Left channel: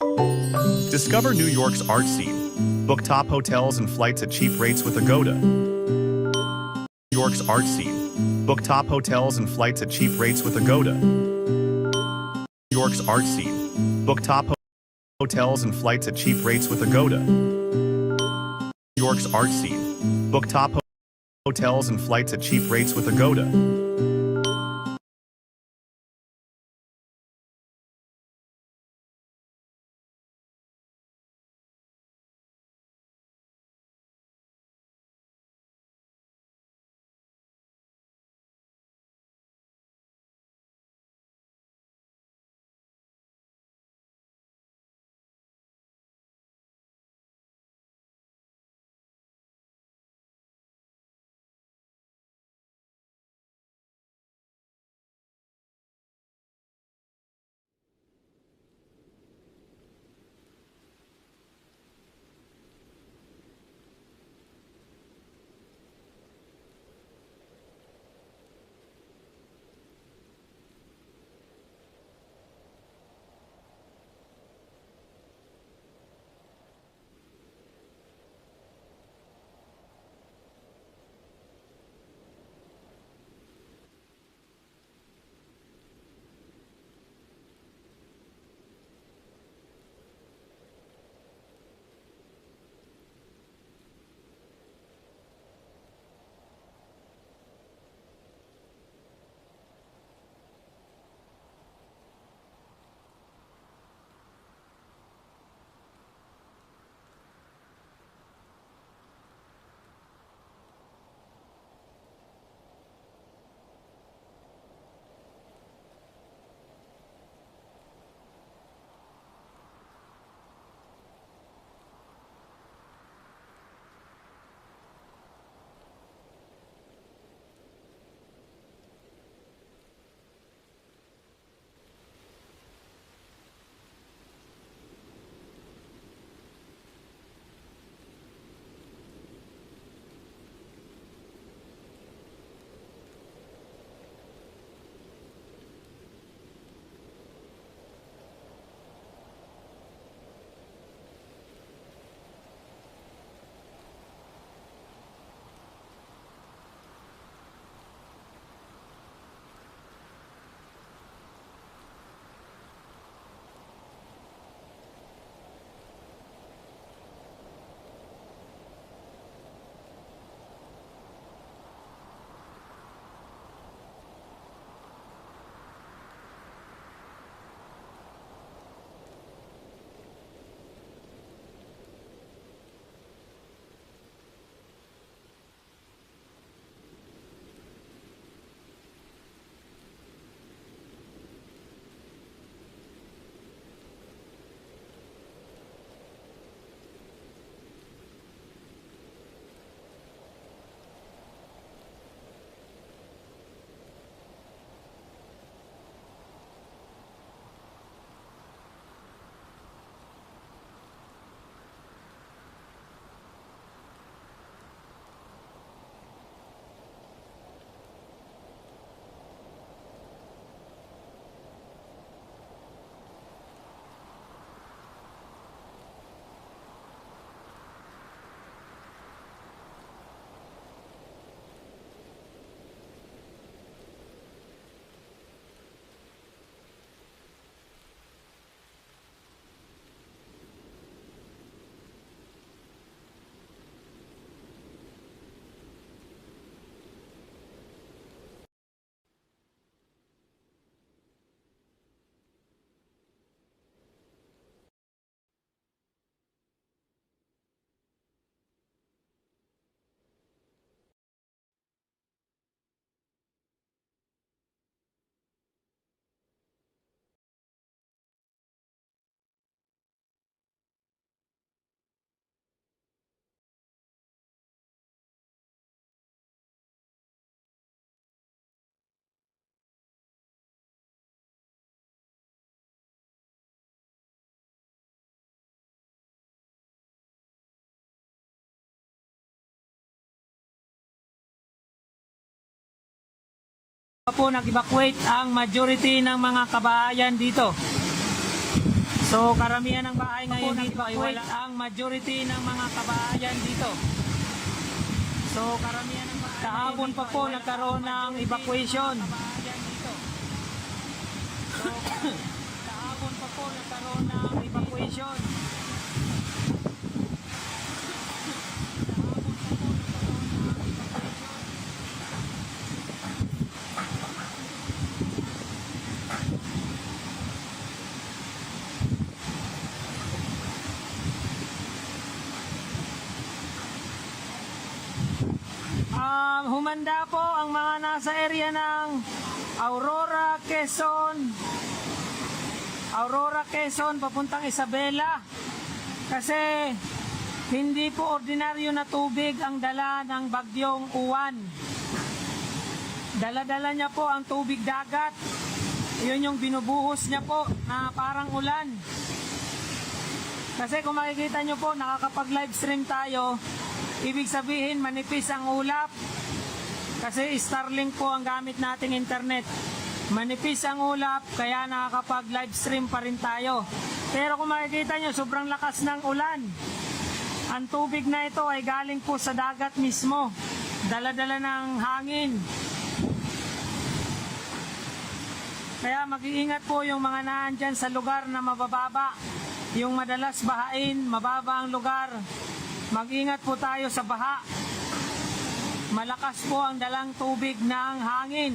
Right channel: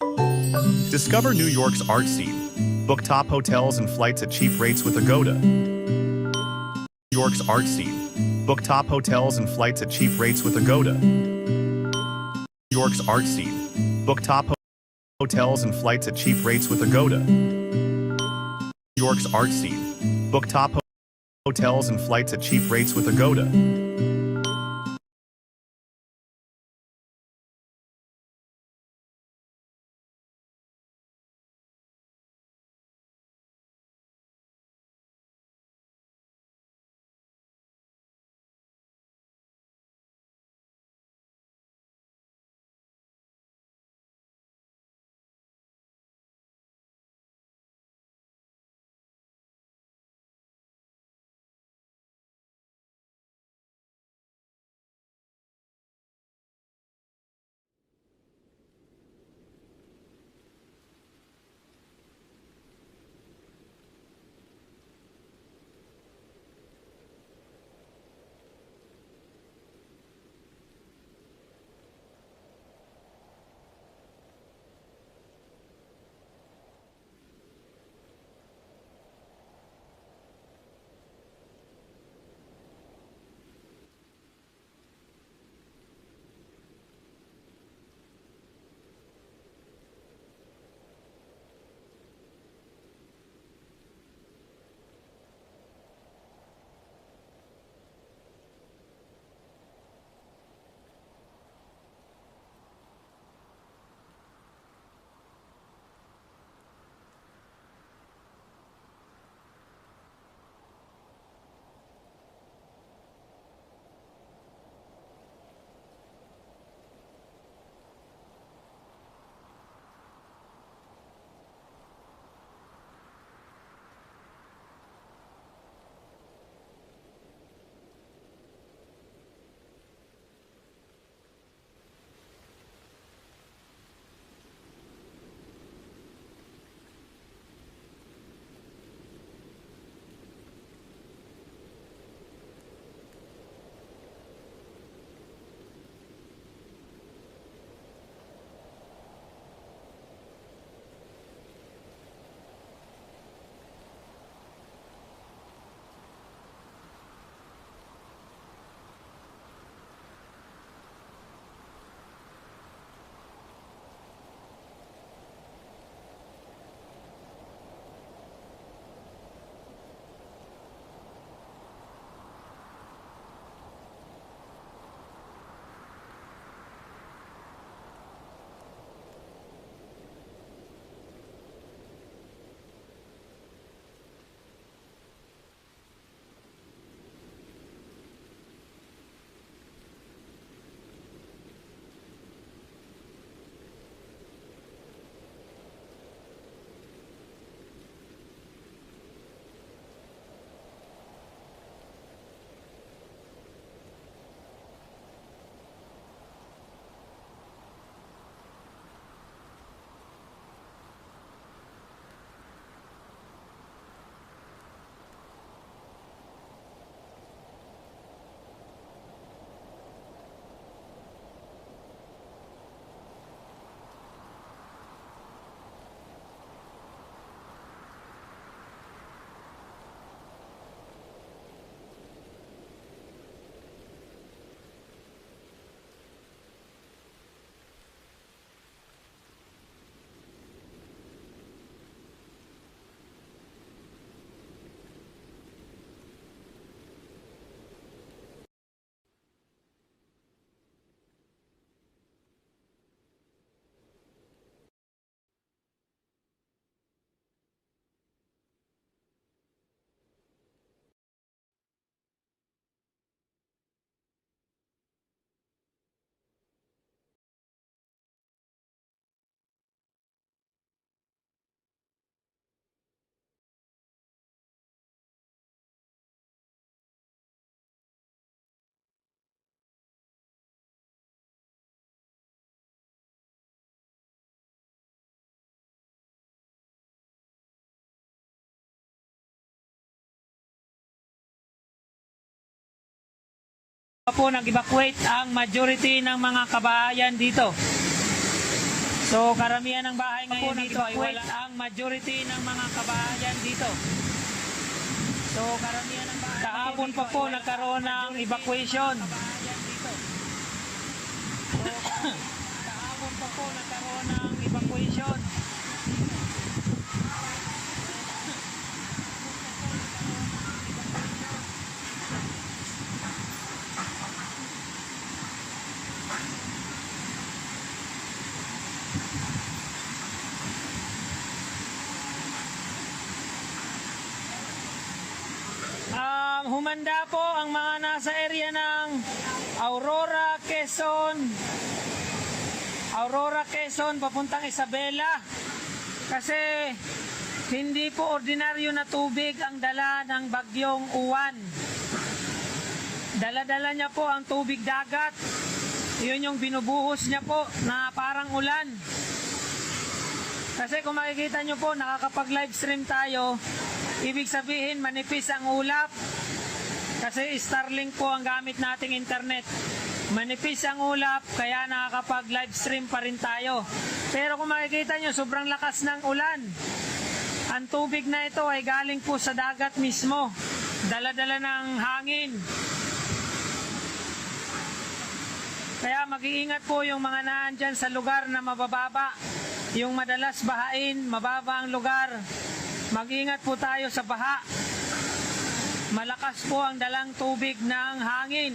Discover New York's art scene. Book top hotels and flights at cheap rates with Agoda. New York's art scene. Book top hotels and flights at cheap rates with Agoda. New York's art scene. Book top hotels and flights at cheap rates with Agoda. New York's art scene. Book top hotels and flights at cheap rates with Agoda. Po nag-evacuate ang majority ng mga kabahayan dito. So karamihan ng bahay ngayon dito ay wala ang majority ng mga kabahayan dito. So karamihan ng bahay kahapon pa po nagkaroon ng evacuation. So kahapon pa po nagkaroon ng evacuation. Humanda po ang mga nasa area ng Aurora, Quezon papuntang Isabela kasi hindi po ordinaryo na tubig ang dala ng bagyong Uwan. Dala-dala niya po ang tubig dagat. Yun yung binubuhos niya po na parang ulan. Kasi kung makikita nyo po, nakakapag-live stream tayo, ibig sabihin manipis ang ulap. Kasi Starlink po ang gamit nating internet. Manipis ang ulap, kaya nakakapag-live stream pa rin tayo. Pero kung makikita nyo, sobrang lakas ng ulan. Ang tubig na ito ay galing po sa dagat mismo. Dala-dala ng hangin. Kaya mag-iingat po yung mga naandyan sa lugar na mabababa. Yung madalas bahain, mababa ang lugar. Mag-ingat po tayo sa baha. Malakas po ang dalang tubig ng hangin.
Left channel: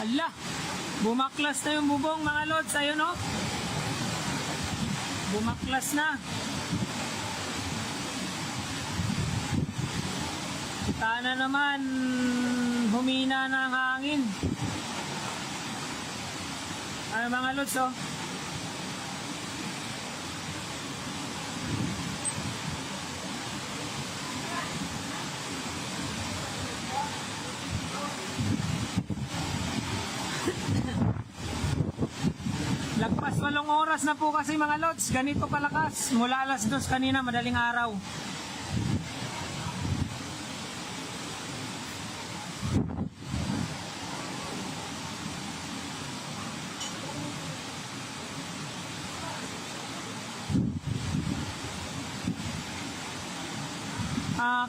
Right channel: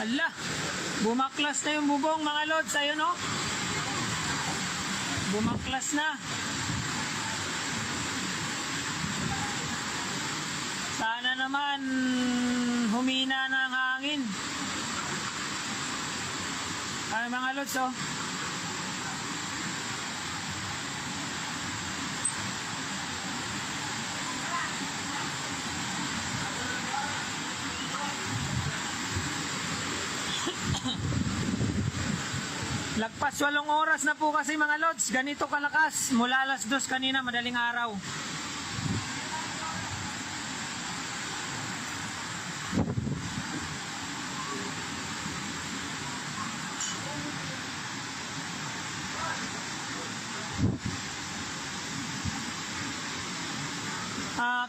Ala, bumaklas na yung bubong mga lods. Ayun o. Bumaklas na. Sana naman humina ng hangin. Ay mga lods oh. Lagpas 8 oras na po kasi mga lods. Ganito kalakas. Mula alas 2 kanina, madaling araw.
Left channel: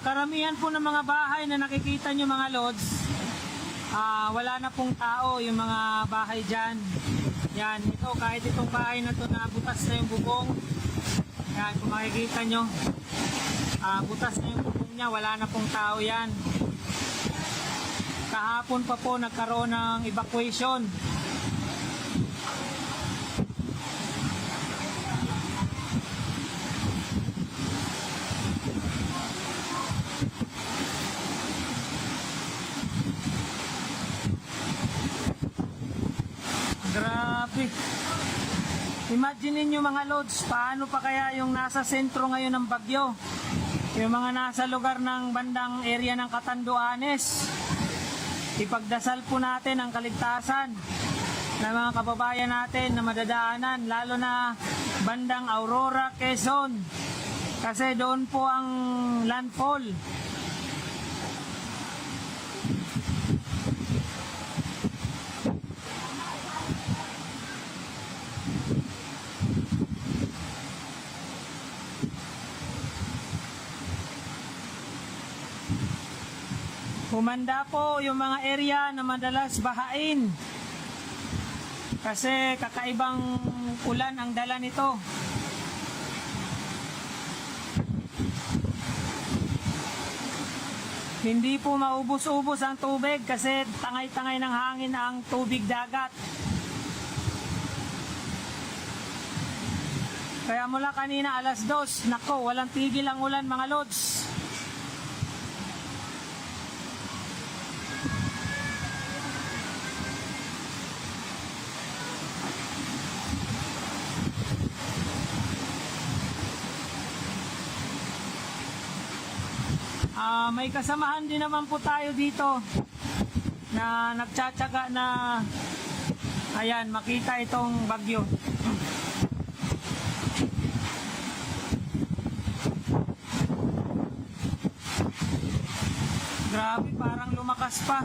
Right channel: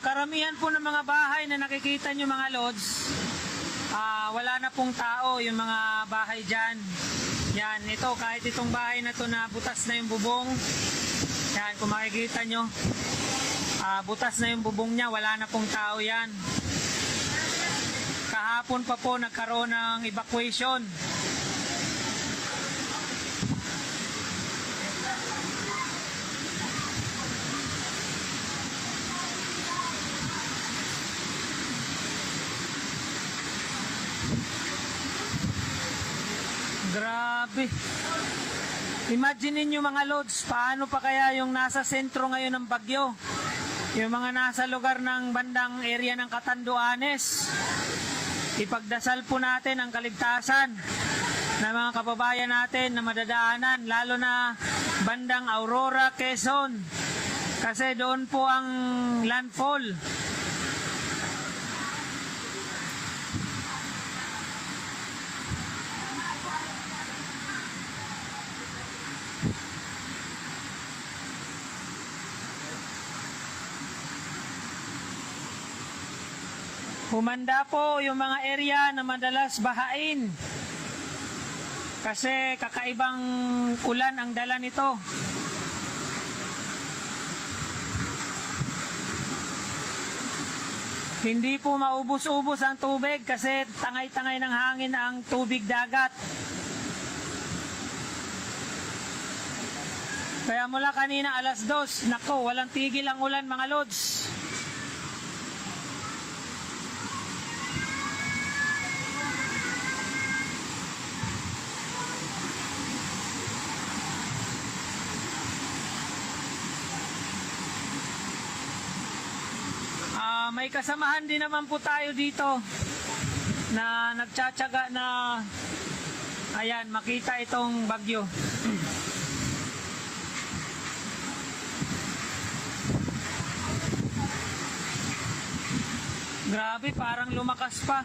Karamihan po ng mga bahay na nakikita nyo mga lods, wala na pong tao yung mga bahay dyan. Yan, ito kahit itong bahay na to na butas na yung bubong. Yan, kung makikita nyo, butas na yung bubong niya, wala na pong tao yan. Kahapon pa po nagkaroon ng evacuation. Grabe. Imagine niyo mga lods, paano pa kaya yung nasa sentro ngayon ng bagyo? Yung mga nasa lugar ng bandang area ng Catanduanes. Ipagdasal po natin ang kaligtasan ng mga kababayan natin na madadaanan, lalo na bandang Aurora, Quezon. Kasi doon po ang landfall. Humanda po yung mga area na madalas bahain. Kasi kakaibang ulan ang dala nito. Hindi po maubos-ubos ang tubig kasi tangay-tangay ng hangin ang tubig dagat. Kaya mula kanina alas 2, nako, walang tigil ang ulan mga lods. May kasamahan din naman po tayo dito. na nagtsatsaga na ayan, makita itong bagyo. Grabe, parang lumakas pa.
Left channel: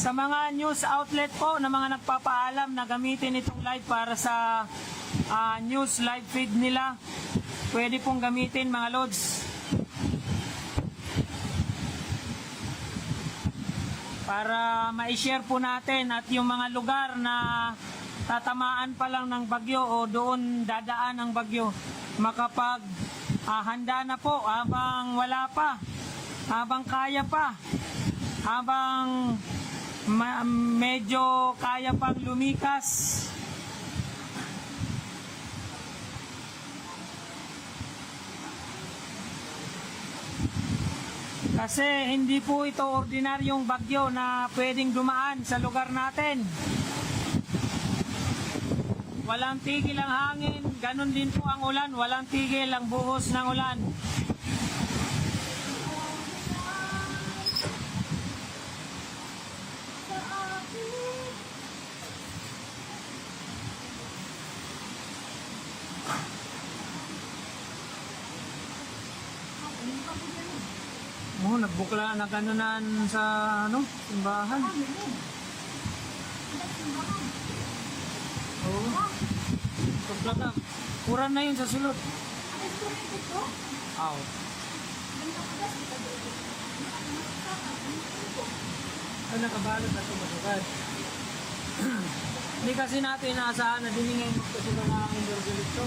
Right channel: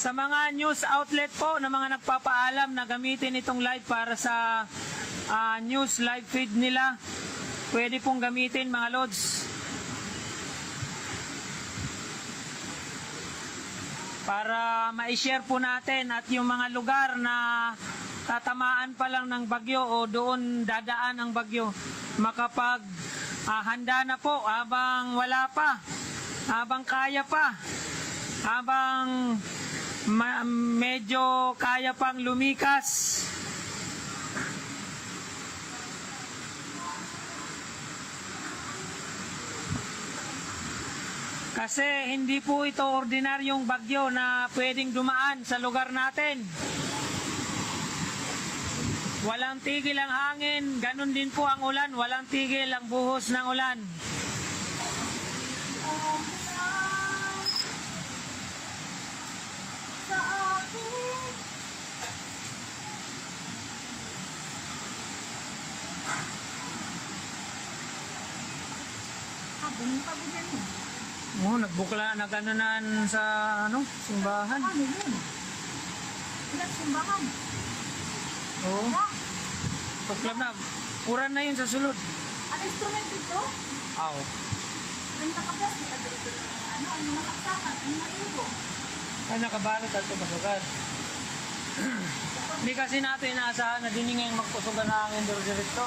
Sa mga news outlet po na mga nagpapaalam na gamitin itong live para sa news live feed nila, pwede pong gamitin mga lods. Para ma-share po natin at yung mga lugar na tatamaan pa lang ng bagyo o doon dadaan ang bagyo, makapag handa na po habang wala pa, habang kaya pa, habang medyo kaya pang lumikas. Kasi hindi po ito ordinaryong bagyo na pwedeng dumaan sa lugar natin. Walang tigil ang hangin, ganun din po ang ulan, walang tigil ang buhos ng ulan. Oh, nagbukla, naganonan sa simbahan. Oo. Tuklap na. Puran na yun sa sulod. Ang instrument ito? Aw. Ay, nakabalot at kumagagad. Hindi kasi natin inaasahan na din ngayon magpusugan na ang indoor directo.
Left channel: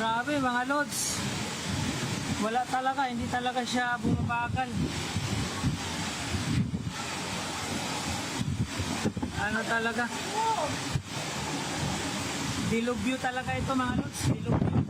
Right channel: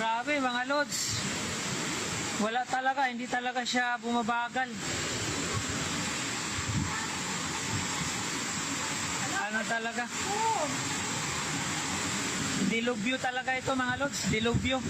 Grabe mga lods. Wala talaga, hindi talaga siya bumabagal. Ano talaga? Dilubyo talaga ito mga lods, dilubyo.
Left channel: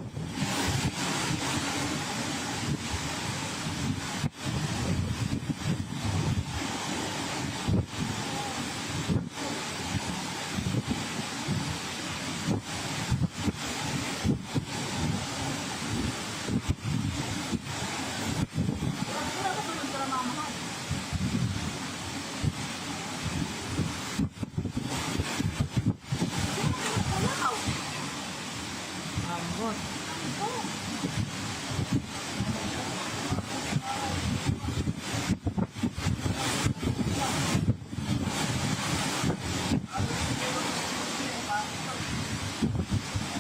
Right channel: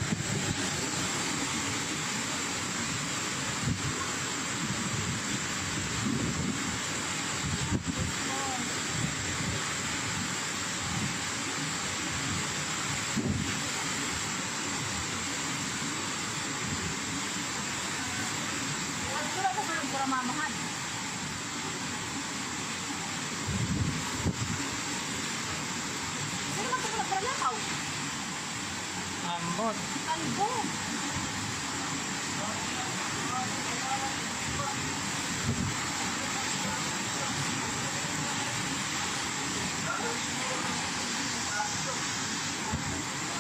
Ambot.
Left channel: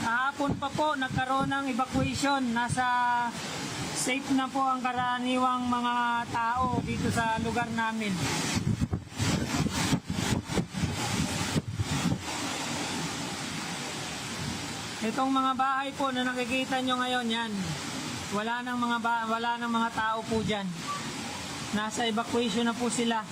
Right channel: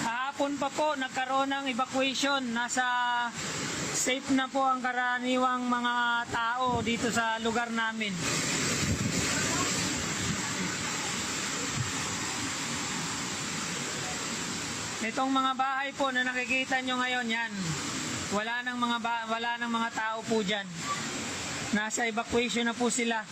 Kahapon pa po nagkaroon ng evacuation. Nasa safe na po ang karaniwang mga tao dito sa lugar namin. Itong mga bahay po na nakikita nyo ngayon, yan. Wala nang mga tao po diyan. Nasa evacuation na po sila.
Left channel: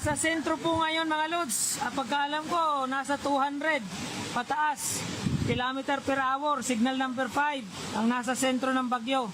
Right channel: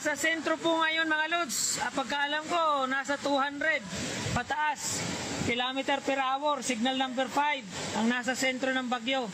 Sa sentro po ngayon mga lods, pagkaalam ko nasa 200 pataas kilometer per hour, signal number 5 ang nasa sentro ng bagyo.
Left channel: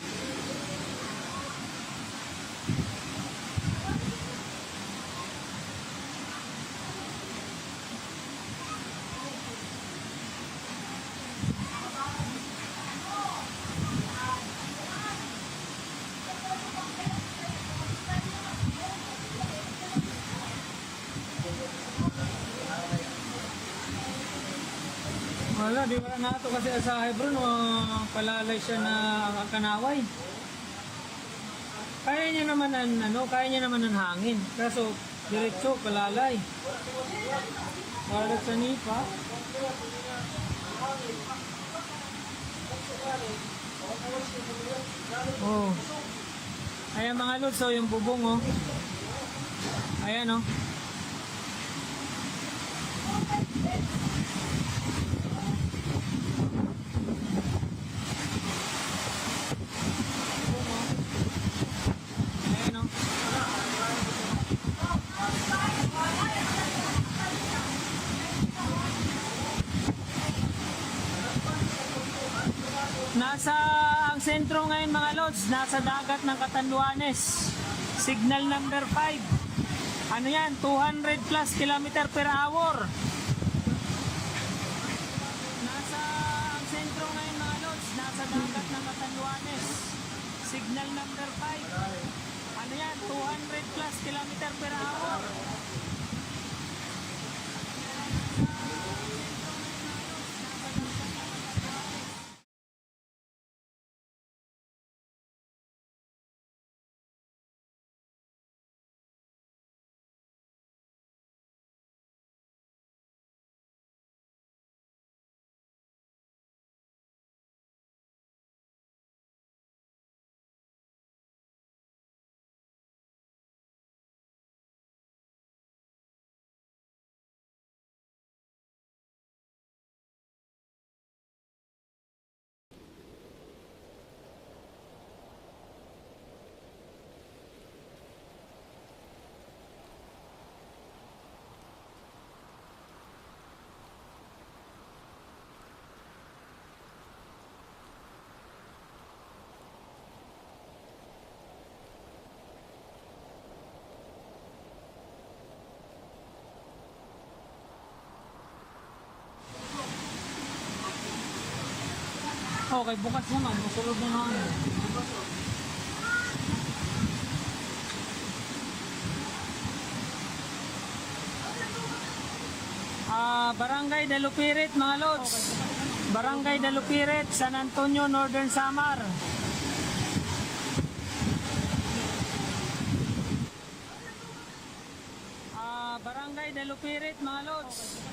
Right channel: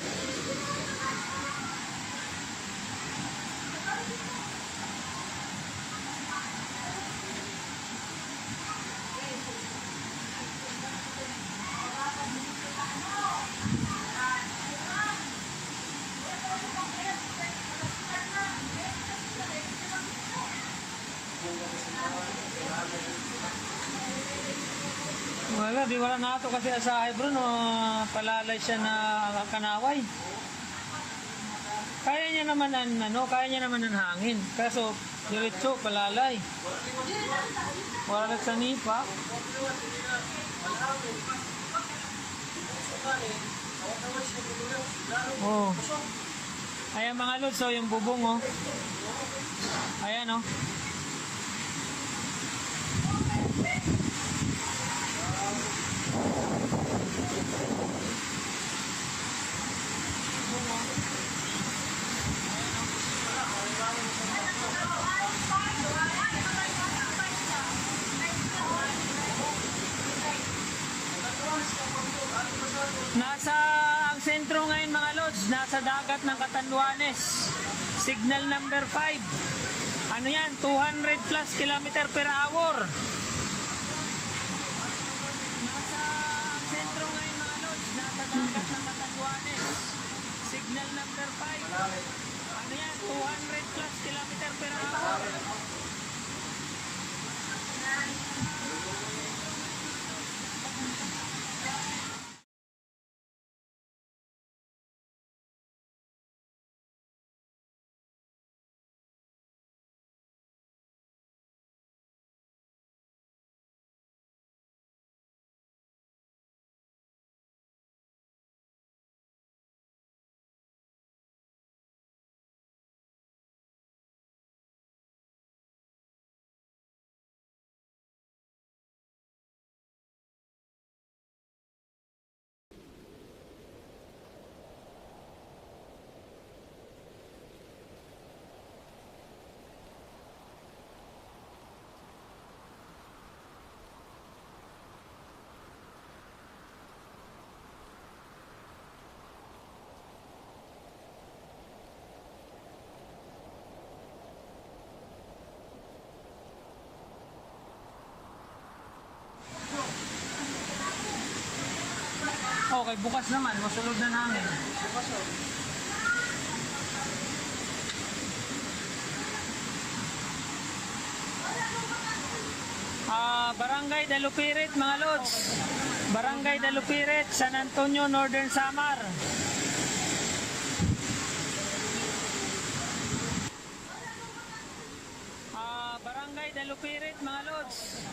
Wala na ito kasi asahay bro, no, palalay siya na kanaway. Kaya niya naman ang hangin. Kaso diretso palalay. Wala nagsanipa. Oh. Ayan mga lods, so yung bubong oh. Ayan oh. Ayan o. sentro ngayon mga lods, nasa dagat ng Catanduanes. Signal number 5. Ano yan? 200 plus kilometer per hour. Nasa ang sentro ngayon mga lods, nasa dagat ng Catanduanes. Signal number 5. Ano yan? 200 plus kilometer per hour. Okay, bukas naman, masulod na hangin. Barangay Dalupirit mga lods. Barangay Dalupirit, San Antonio, Northern Samar. Barangay Dalupirit mga lods.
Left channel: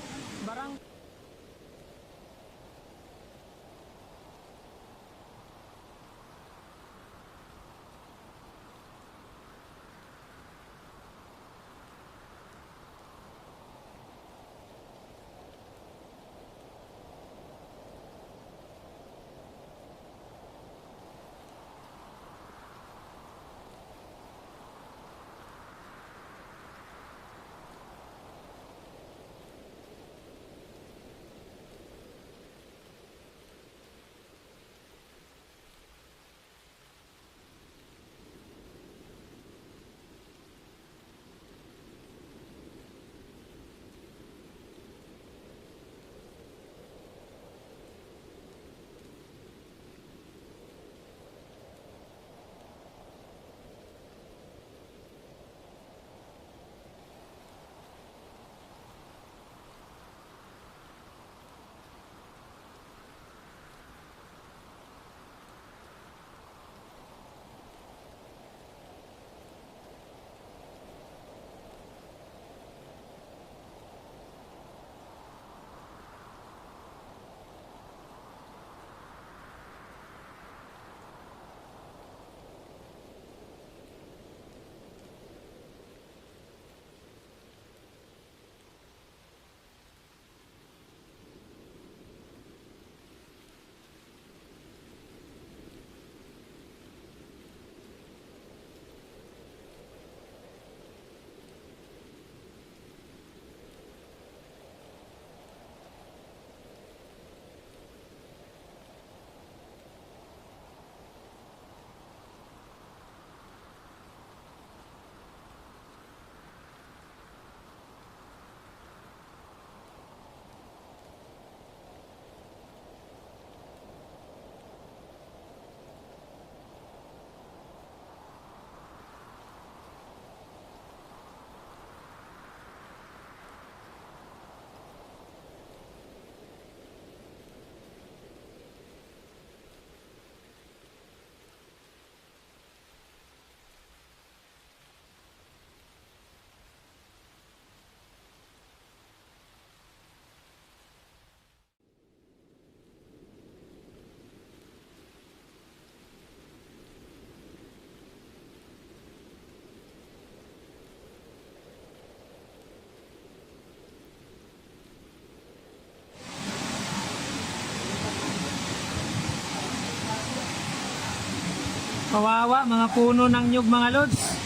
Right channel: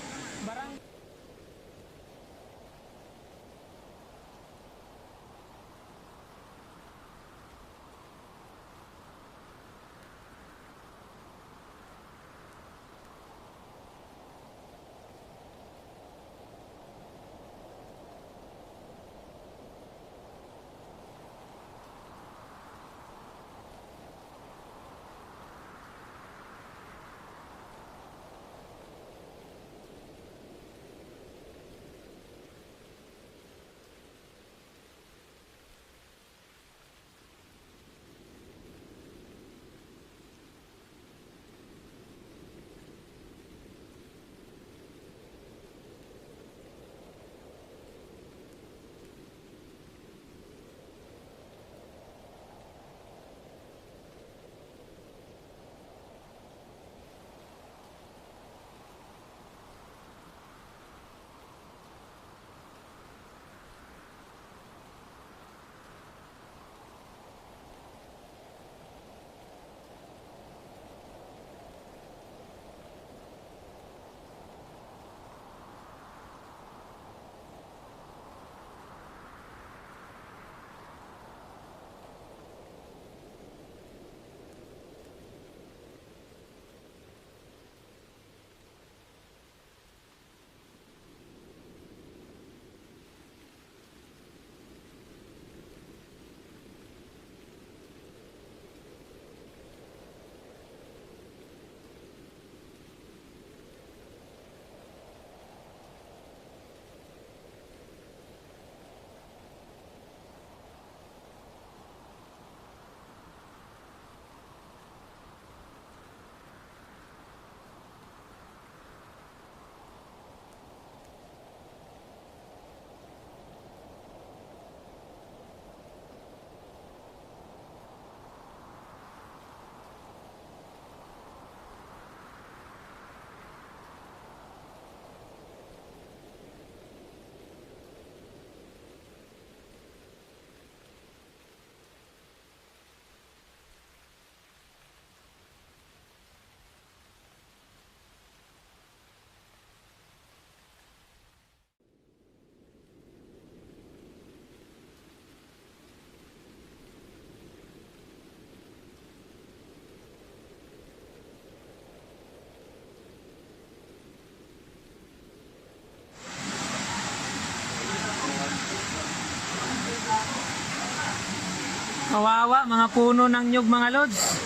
Kawawa, mga puno ng nyug mga lods.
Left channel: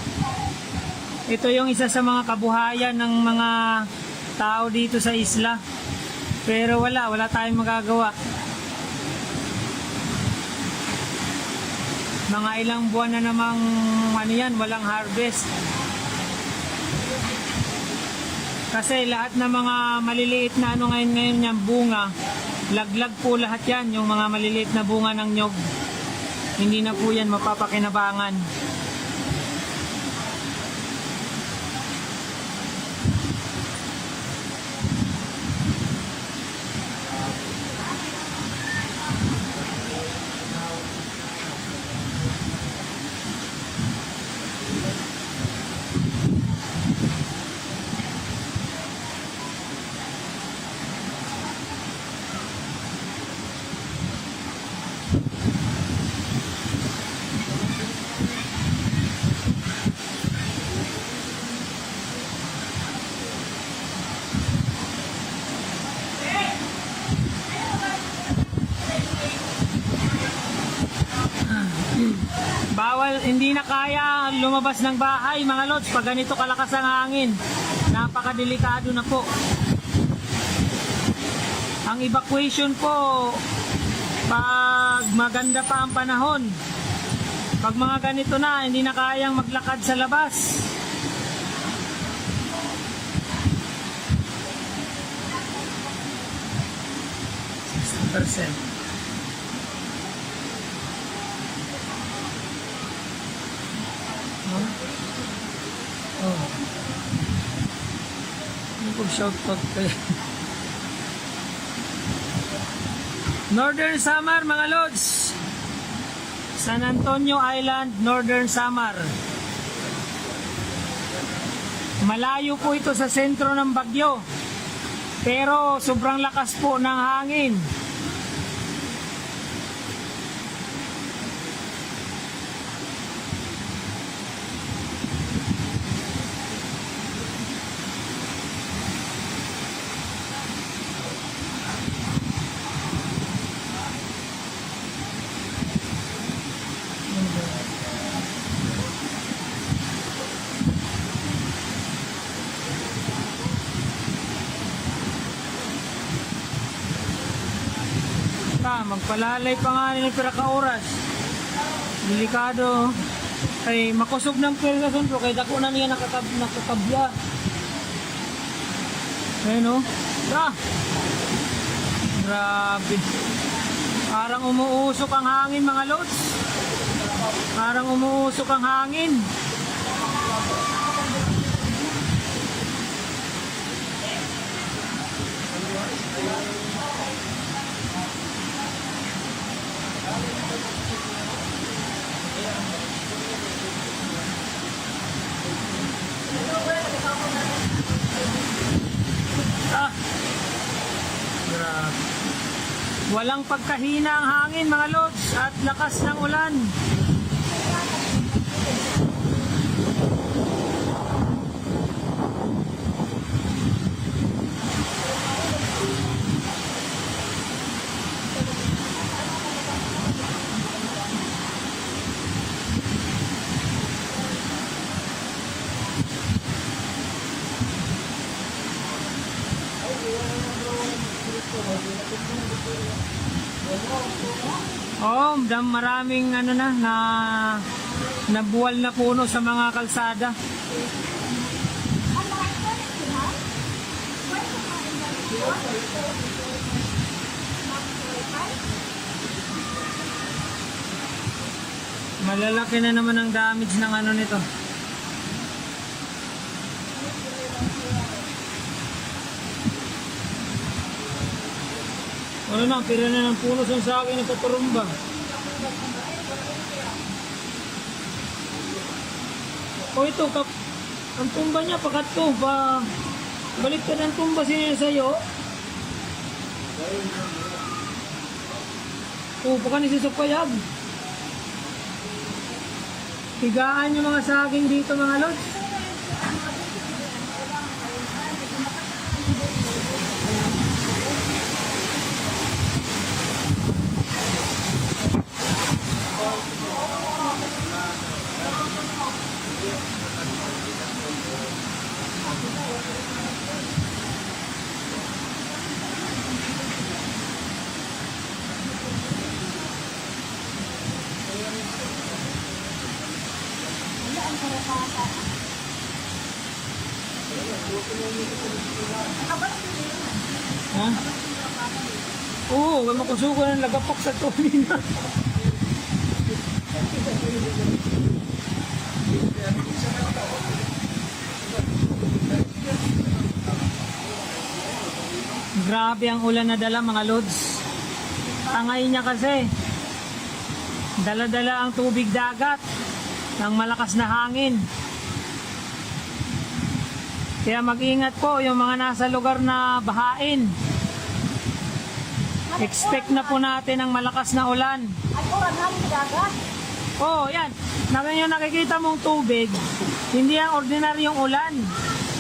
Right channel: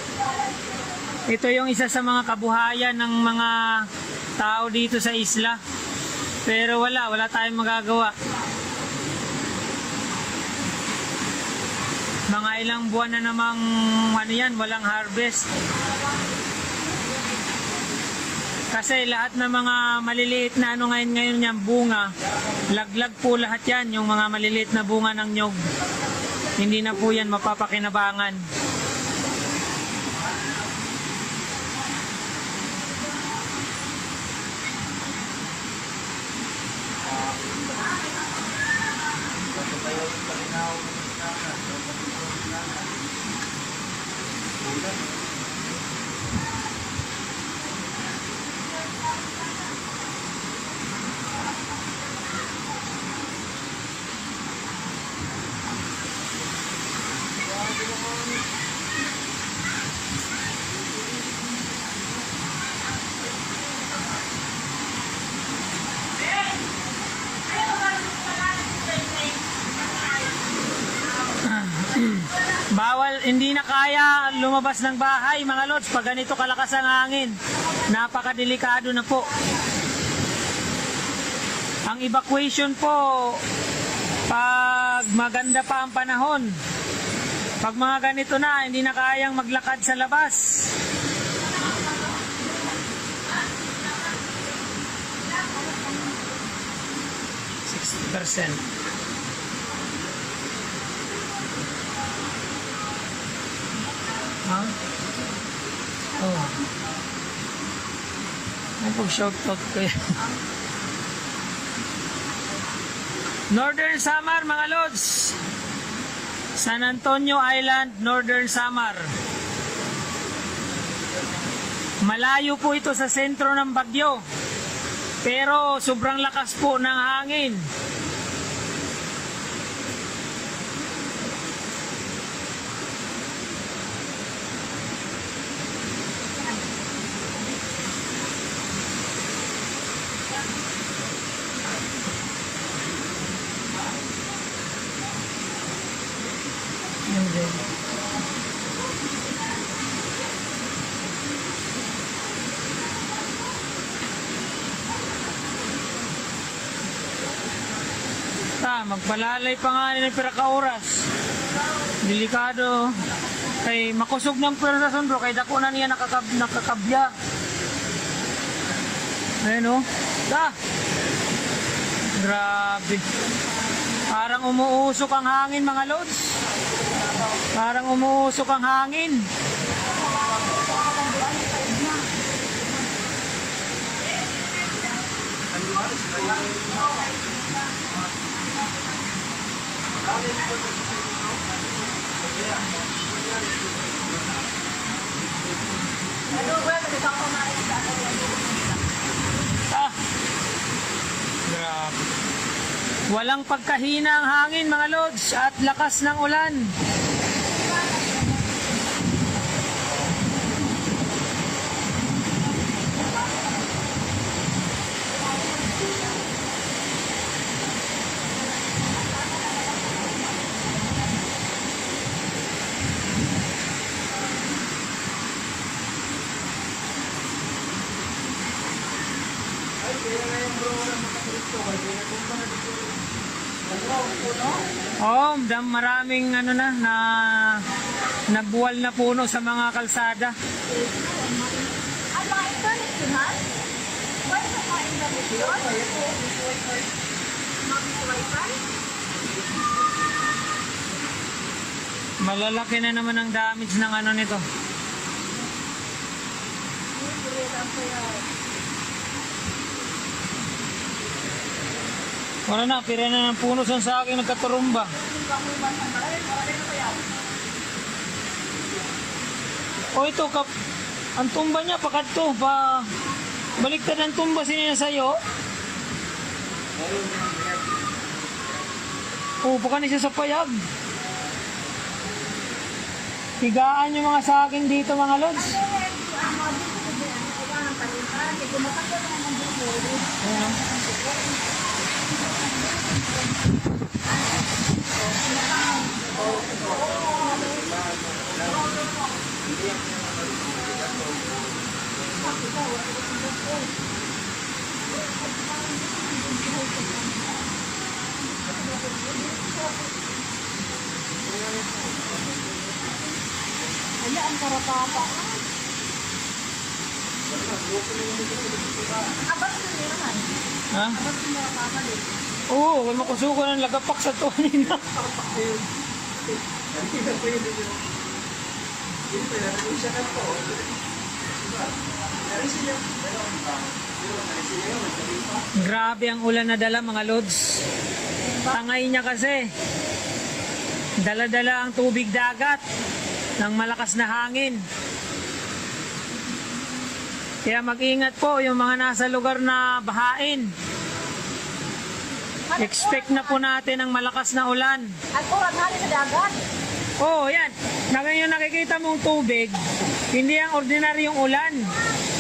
Ito yung isa sa mga kabuhayan ng mga tao dito sa isla. Pero wala tayong magagawa. Mga ilang buwan na namang ano yan, walang harvest. Kasi lahat ng mga maliliit na ano ngayon yan, bunga, laglag po lahat yan, yung mga maliliit na bunga ng nyog. Hindi na po yan mapapakinabangan. Bawal, hindi na kaya lumabas ng bahay mga lods pag ganito kalakas ang hangin. Napakadelikado na po. Ang evacuation po pag maganda pa ang panahon. Pag mga ganito na, hindi na kayang maglakad sa labas. %. Ha? Oh. Ano pag shoutout ko yan? Northern Samar mga lods. San Antonio Island, Northern Samar. Malayo po ito sa sentro ng bagyo. Pero sobrang lakas po ng hangin. Magpalalay pa nga nila piraka oras. Delikado. Kay makusog ng pwersa bro. Kay dako na niya nakakabya. Ayun o. Grabe. Parang umuusok ang hangin mga lods. Parang umuusok ang hangin. Grabe. Walang pagkahina ang hangin mga lods at lakas ng ulan. Oh, maraming ano na nabuwal na puno sa mga kalsada. Malalaki na naman ang damage ng ano nito. Ano na, pira na ng puno sa akin nagkaturumba. O ito, ang tumba niya, pakato, baliktad ang tumba siya sa'yo. O, pakanin siya sa payag. Higaan yung mga saging dito mga lods. Ha? Oo, may makusuko ng lagapak sa tuwan na. Grabe ang ulan na dala mga lods. Pangay niya kasi. Dala-dala ang tubig dagat ng malakas na hangin. Kaya mag-ingat po yung mga nasa lugar na bahain. Expect na po natin ang malakas na ulan. Ay, kurang hali na dagat. Oh, yan. Yung nakikita mong tubig, hindi ang ordinaryong ulan.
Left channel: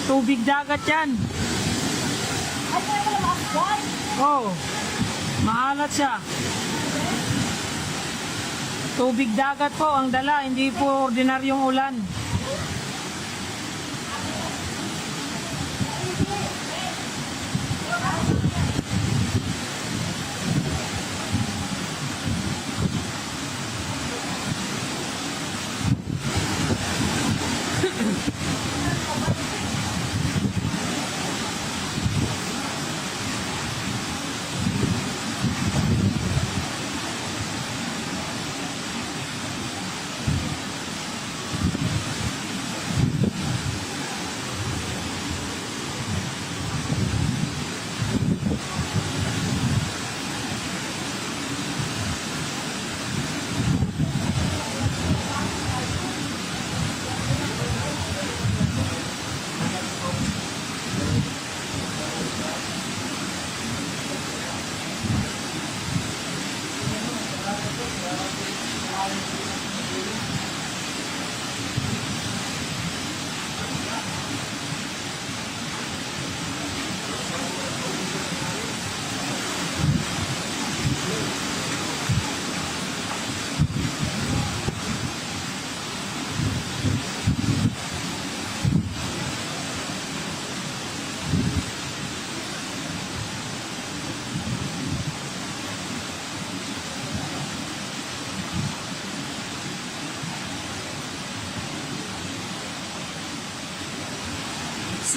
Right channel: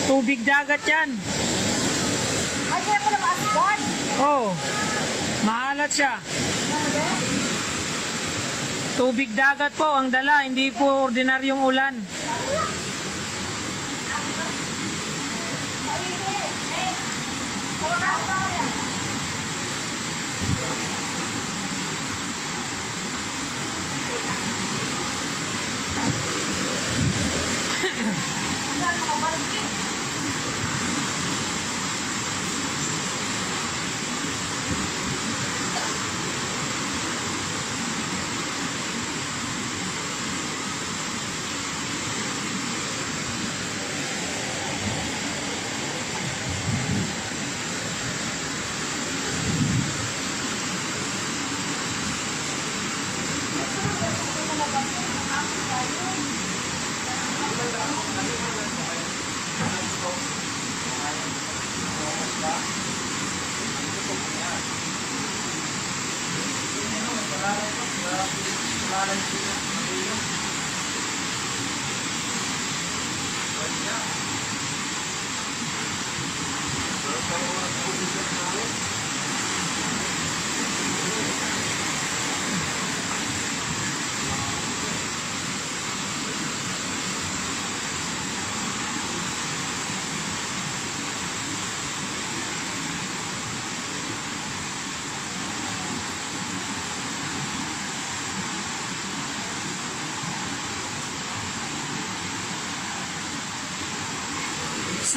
Tubig dagat yan. Ay, kaya pala maasgan. Oh, maalat siya. Tubig dagat po ang dala, hindi po ordinaryong ulan.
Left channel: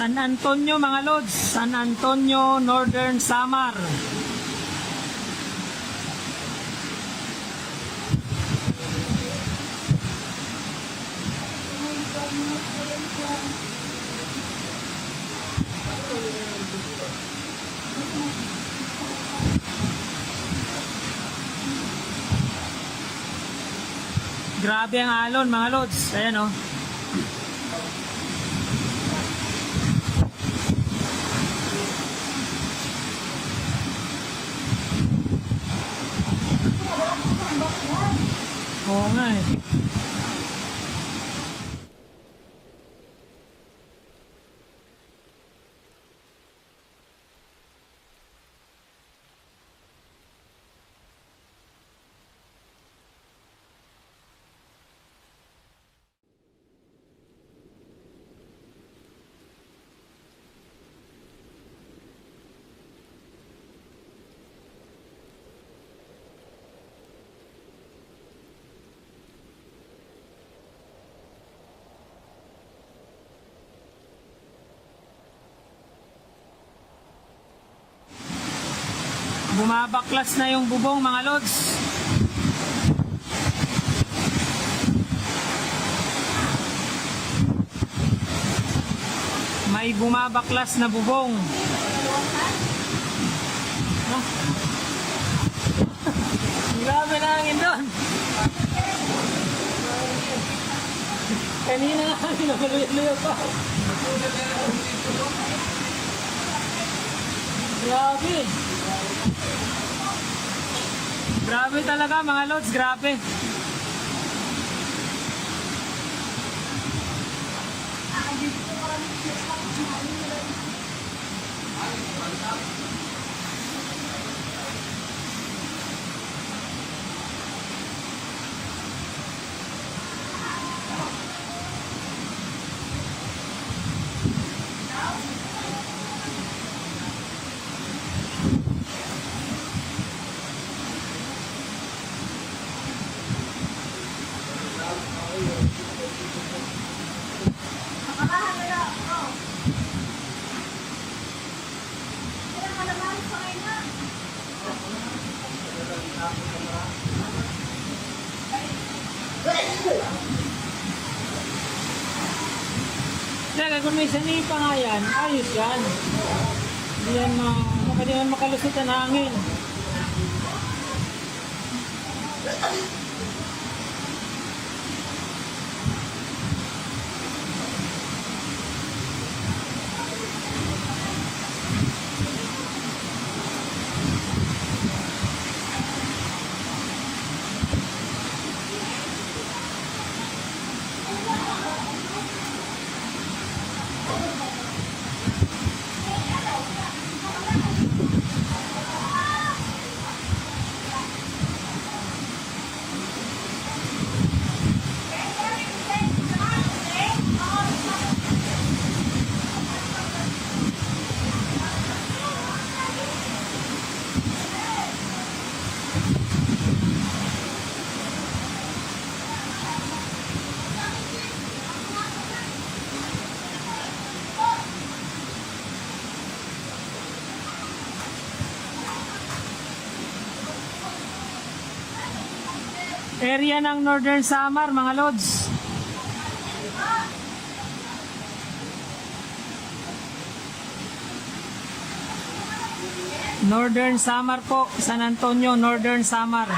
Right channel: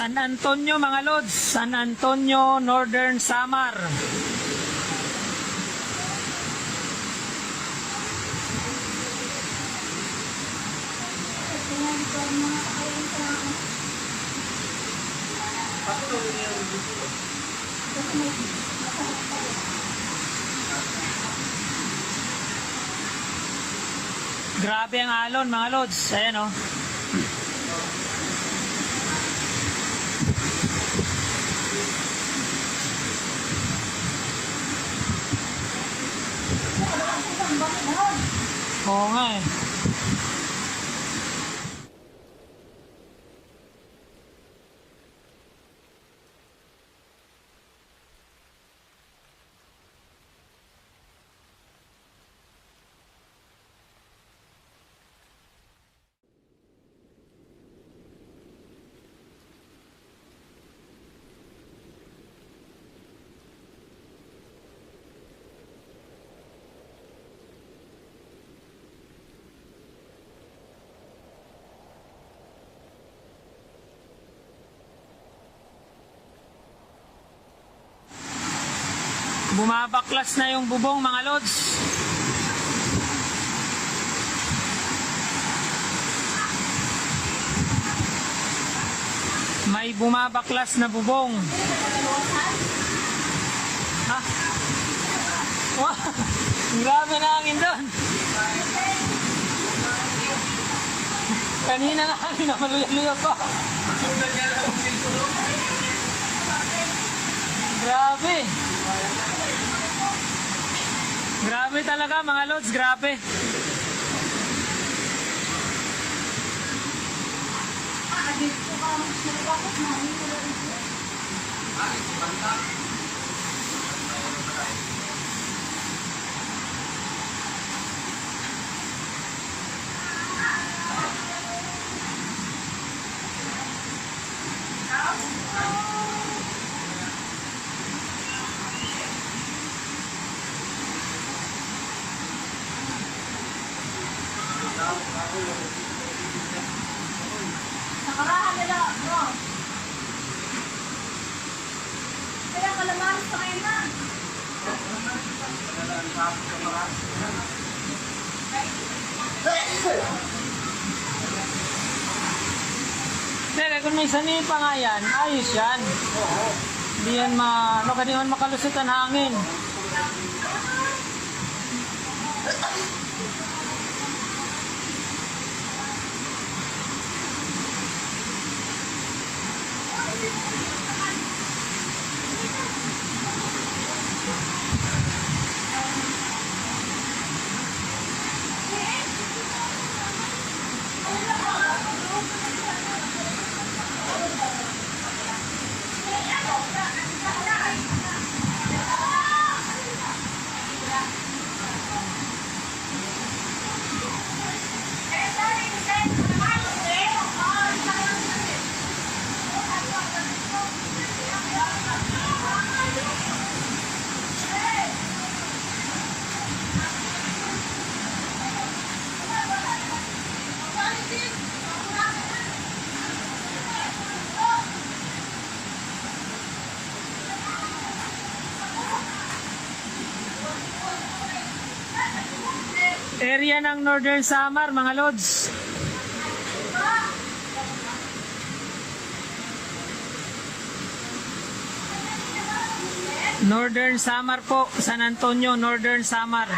San Antonio mga lods, San Antonio, Northern Samar. Grabe ang alon mga lods, ayan oh. Oo nga eh. Bumabaklas na yung bubong mga lods. May bumabaklas na bubong. Ha? Wow! Grabe na hangin doon. Kanina nga hangin na maluya-luya pa. Grabe. Grabe talaga mga lods, grabe. Teka, kung may sanimi pa nga yan, ayos yan. Hindi yan hindi man makalusot ang hangin. Area ng Northern Samar, mga lods. Northern Samar po, San Antonio, Northern Samar.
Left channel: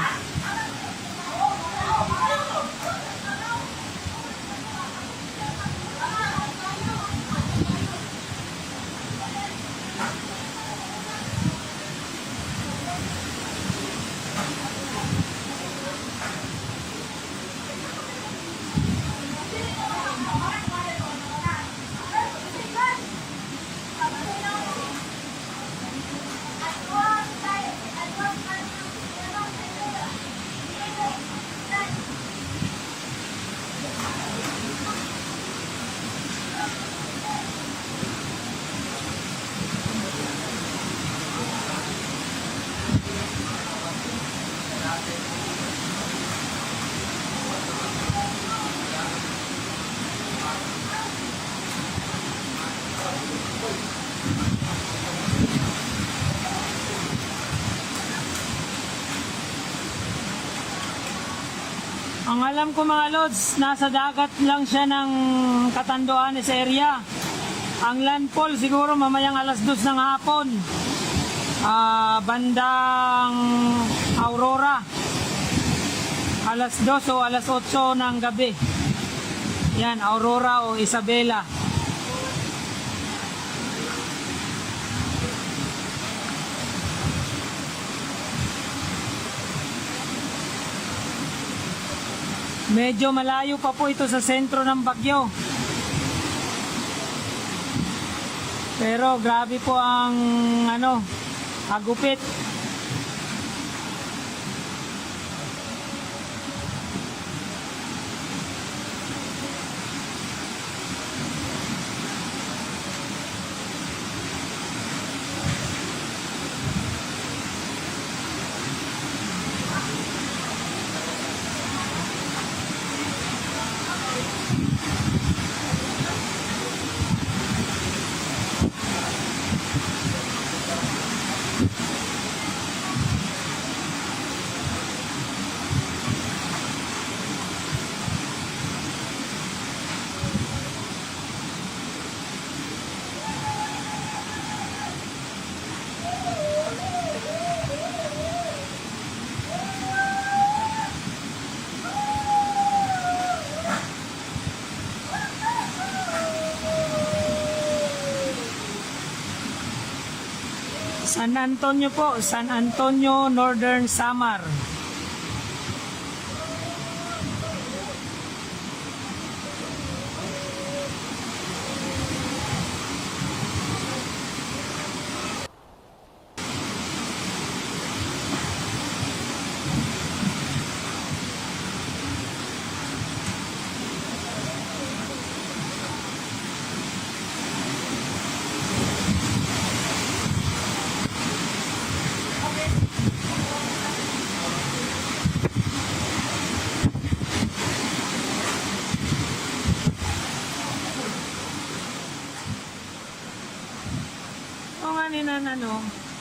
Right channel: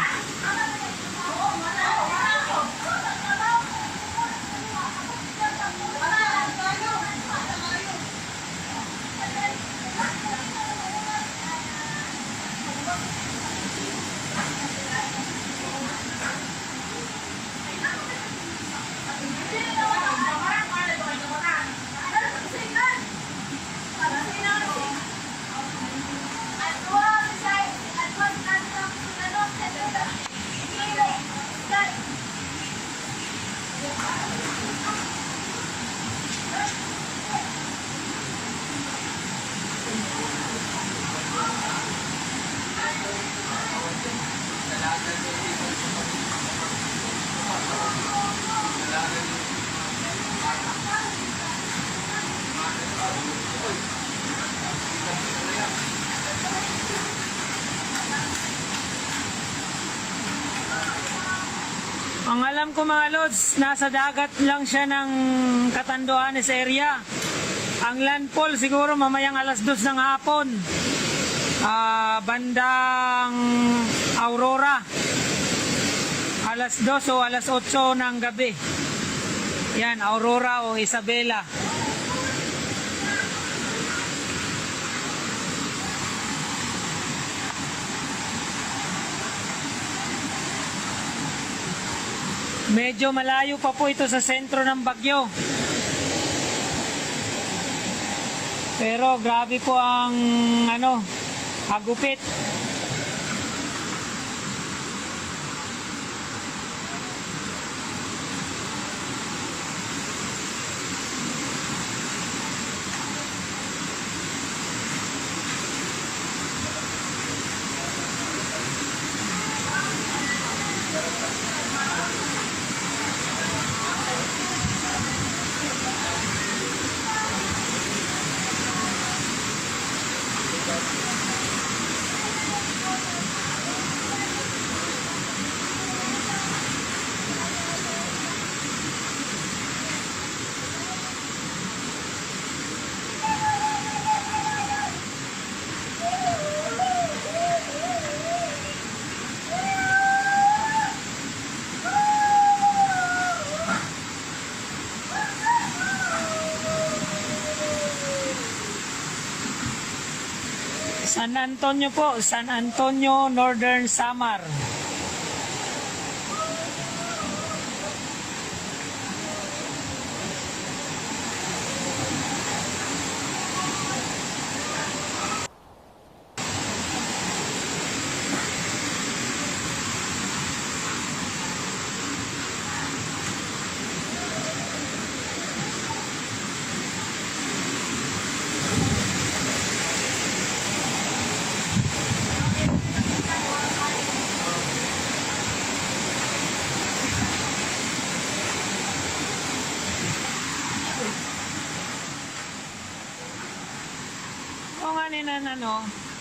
Ang alam ko mga lods, nasa dagat lang siya ng Catanduanes area. Ang landfall siguro mamayang alas 2 ng hapon. Bandang Aurora. Alas 2 o alas 8 ng gabi. Yan, Aurora o Isabela. Medyo malayo pa po ito sa sentro ng bagyo. Pero grabe po ang agupit. San Antonio po, San Antonio, Northern Samar. O nga ninan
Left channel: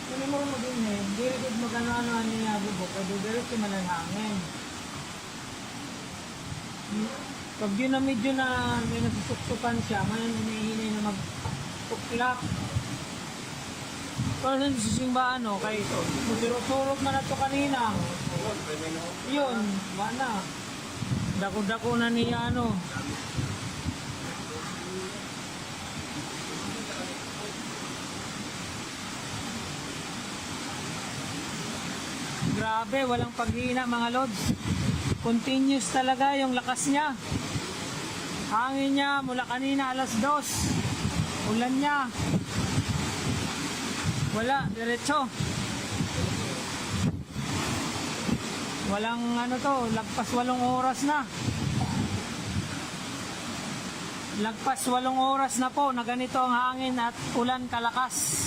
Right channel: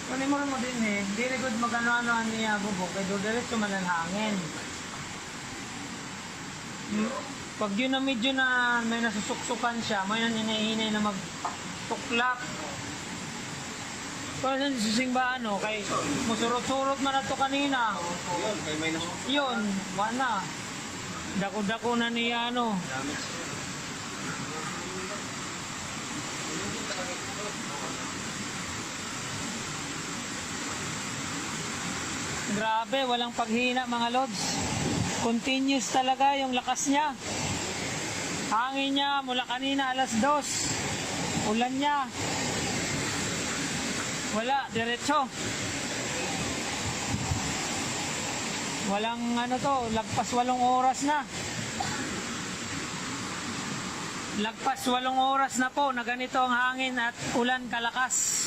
kunin mo din dili gud magano niya bubok kay do diretso man ang hangin. Pag yun na medyo na may nasusuksukan siya, may hinahinay na magtuklak. Pero sa simba kay musurot-surot man na to kanina. Yun, wala. Dako-dako na niya Grabe, walang paghina mga lods. Continuous talaga yung lakas niya. Hangin niya mula kanina alas 2. Ulan niya. Wala, diretso. Walang lagpas 8 oras na. Lagpas 8 oras na po na ganito ang hangin at ulan kalakas.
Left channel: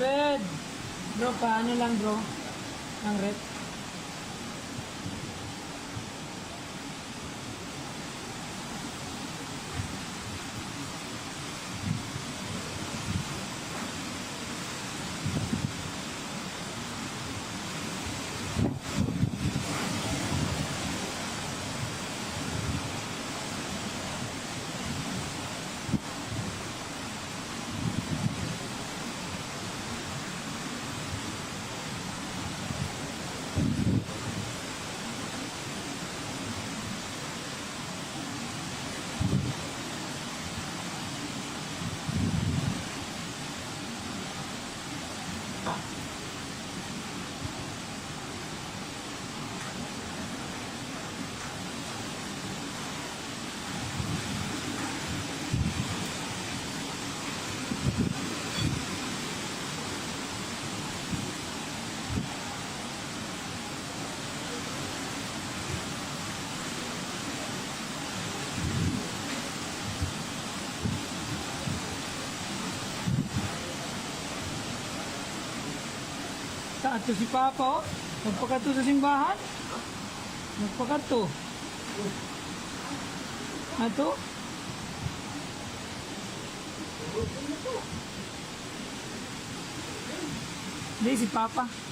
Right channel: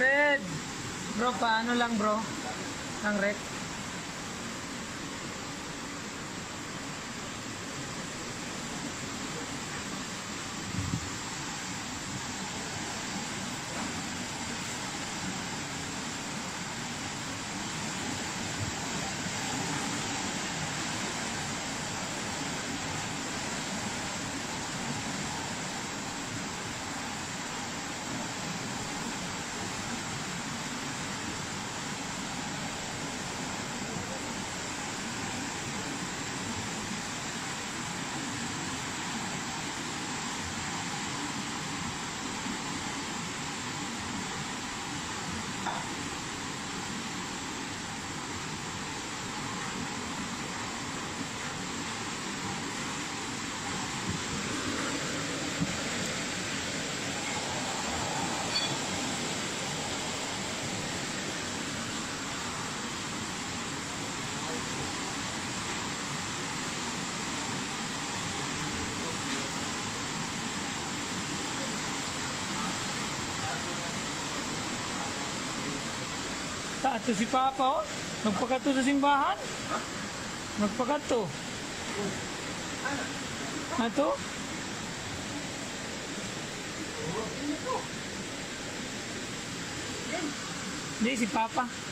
Red! Bro, paano lang bro? Ang red? Ato si Papa, nagpakato sa simbahan. Nagpakato. Ato? Hindi, si Papa.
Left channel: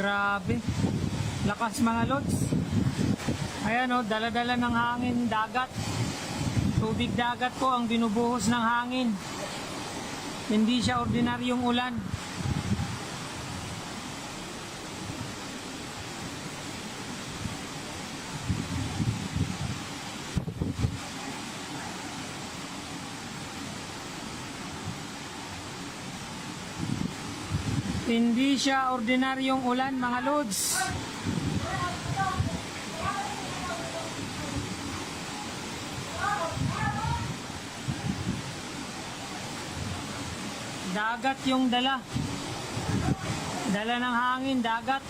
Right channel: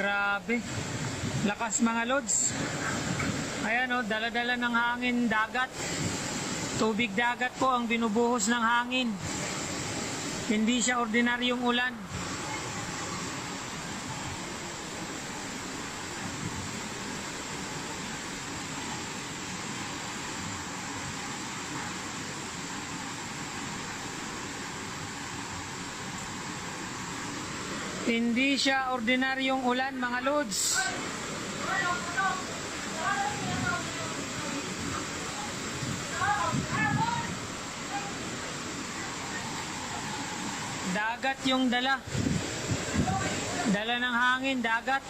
Grabe. Lakas mga lods. Ayan o, dala-dala ng hangin, dagat. Tubig dagat po ang binubuhos ng hangin. Hindi siya ordinaryong ulan. Hindi siya ordinaryong ulan mga lods. Dagat yung dala. Dala ng hangin, dagat.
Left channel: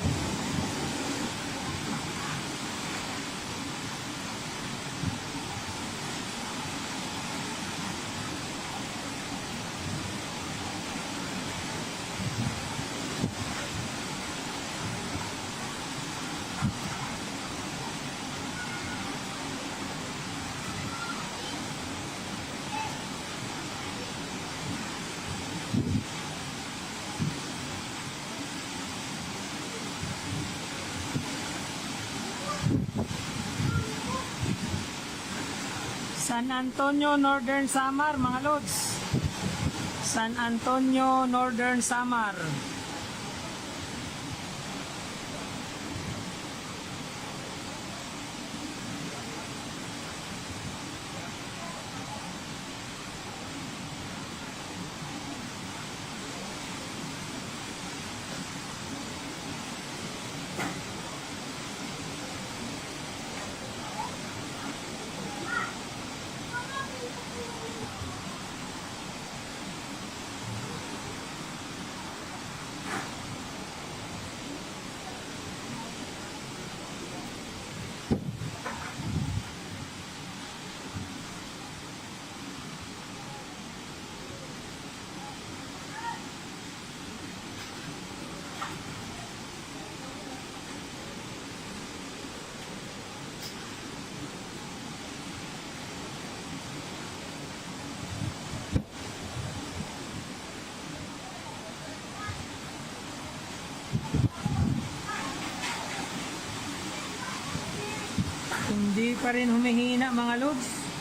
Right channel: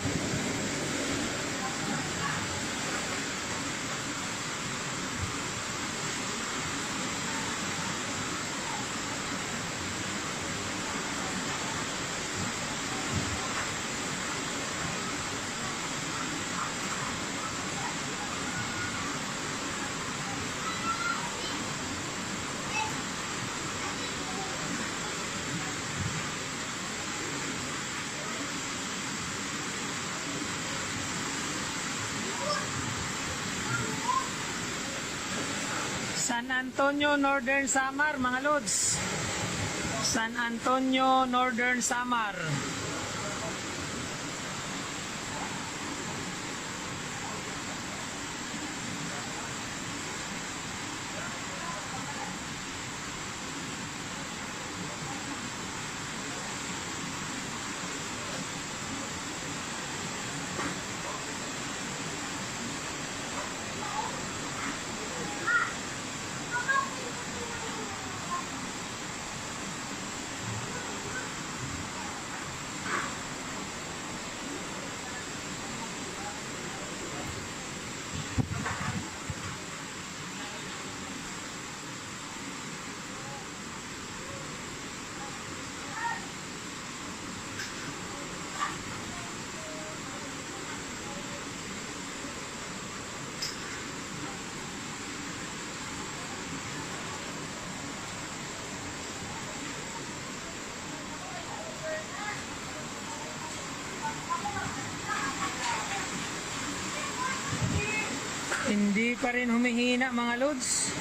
San Antonio, Northern Samar, mga lods. San Antonio, Northern Samar. Hindi pa rin humihina mga lods.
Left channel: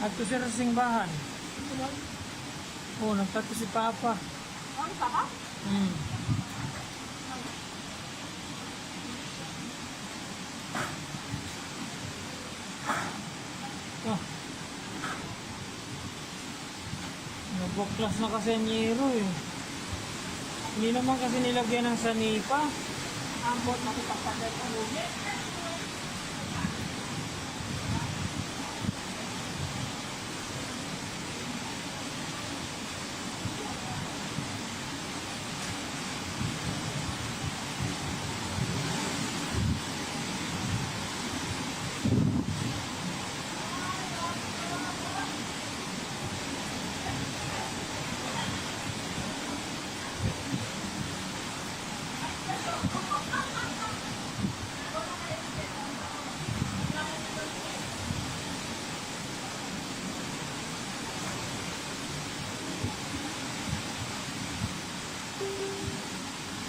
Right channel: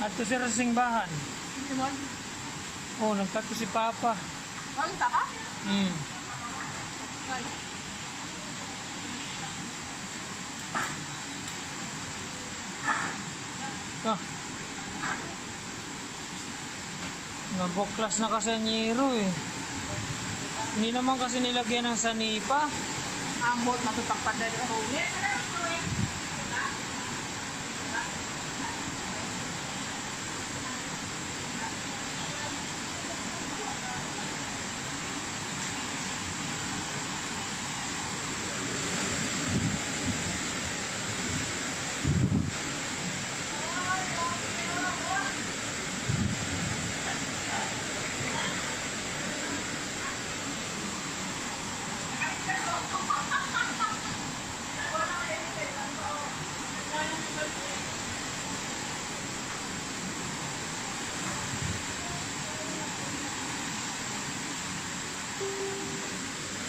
At to sa simbahan. Oh, nagtato si Papa. Hmm. Ah. Nabuklas na kasi ang yero eh. Hindi naman kasi nilagyan ng sanipa. Ambot na ito pagpadali mo.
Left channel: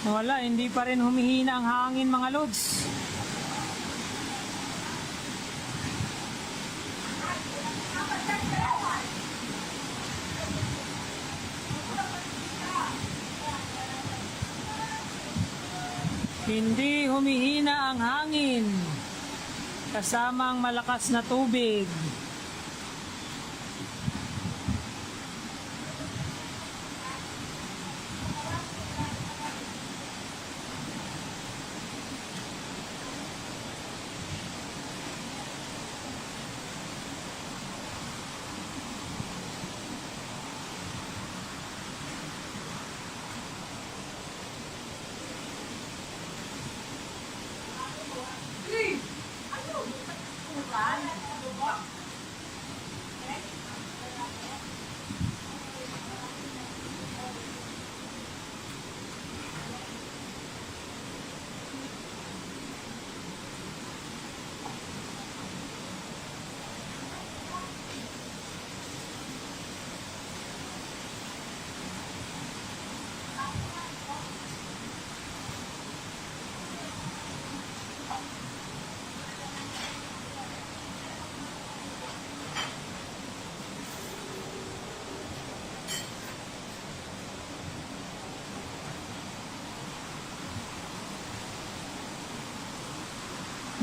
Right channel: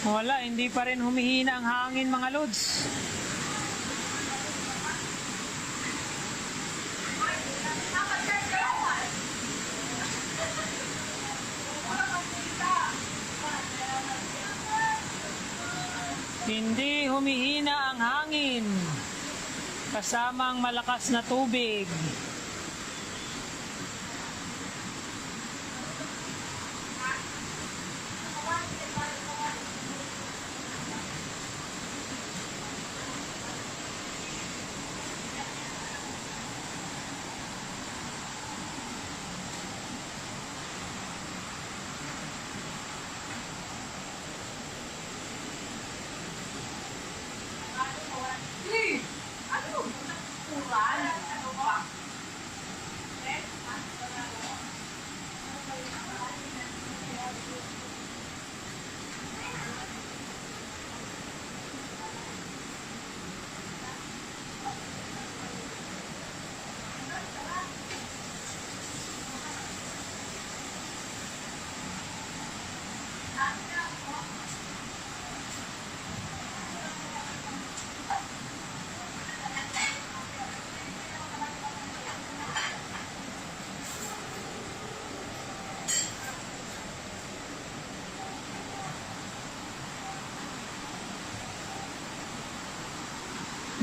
Wala, hindi pa rin humihina ang hangin mga lods. Hindi humihina ang hangin. Kasamang malakas na tubig.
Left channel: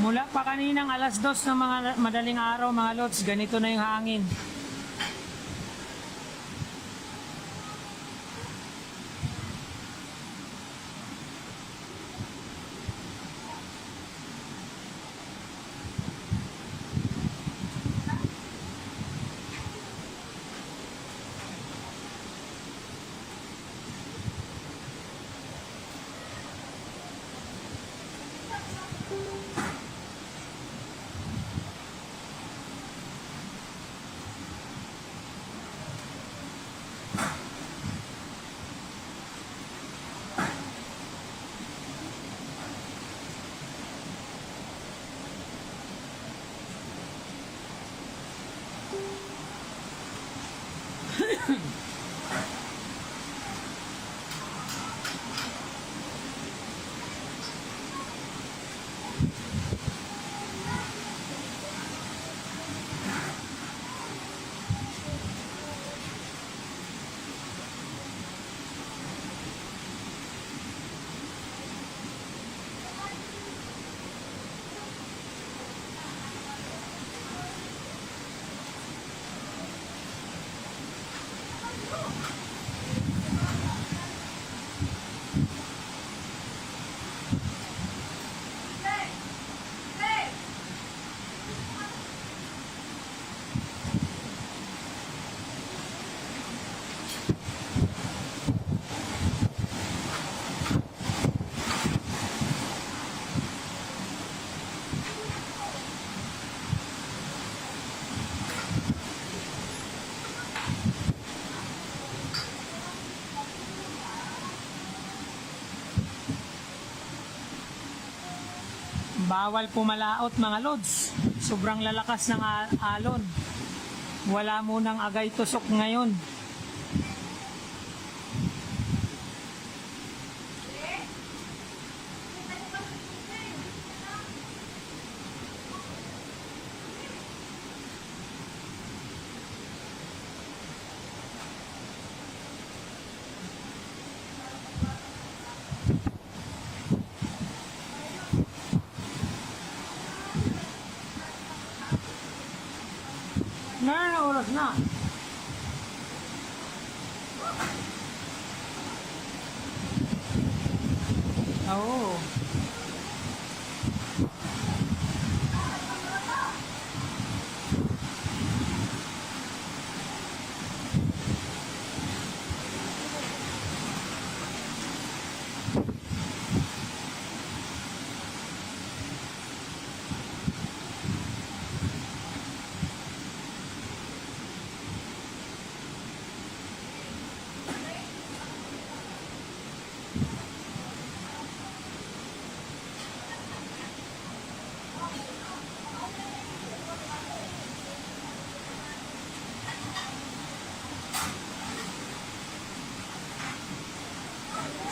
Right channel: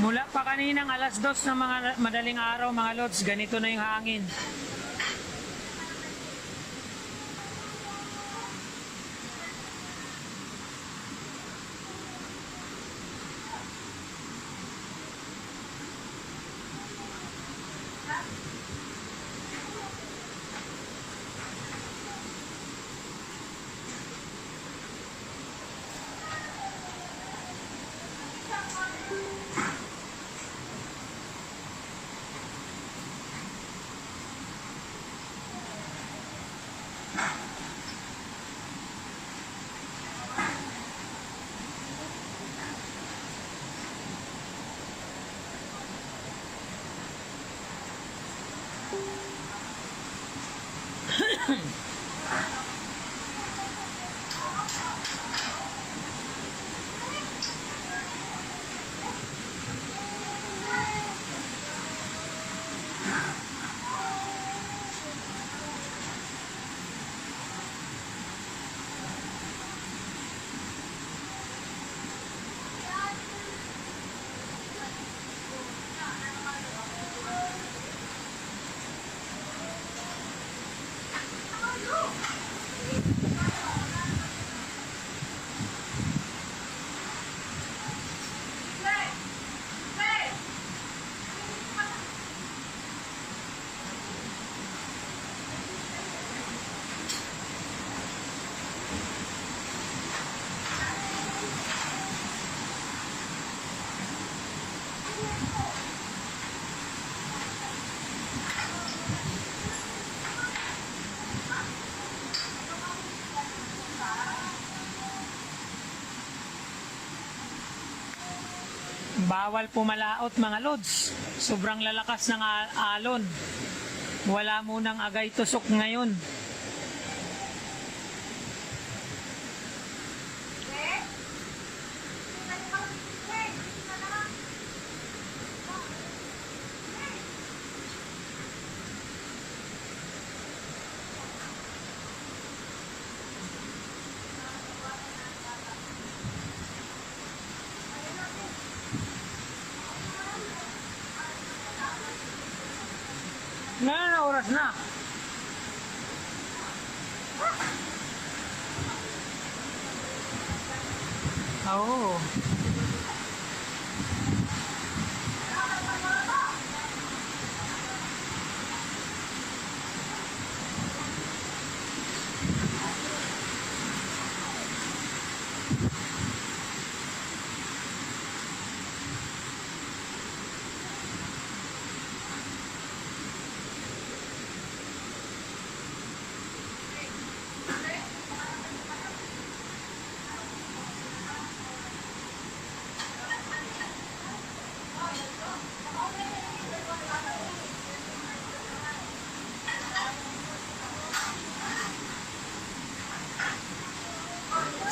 Mula pa kaninang alas 2 ng mga madaling araw, mga lods, ganito na yung hangin. Bawal pumalaot, mga lods. Sobrang lalakas ng alon. Wala munang agay tusok ngayon. Na oras na. Oo.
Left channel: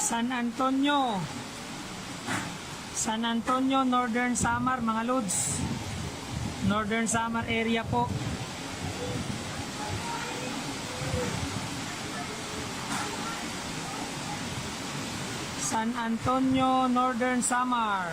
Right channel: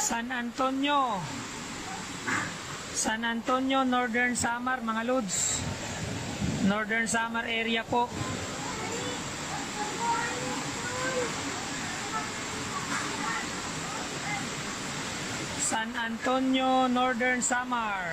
San Antonio. San Antonio, Northern Samar, mga lods. Northern Samar area po. San Antonio, Northern Samar.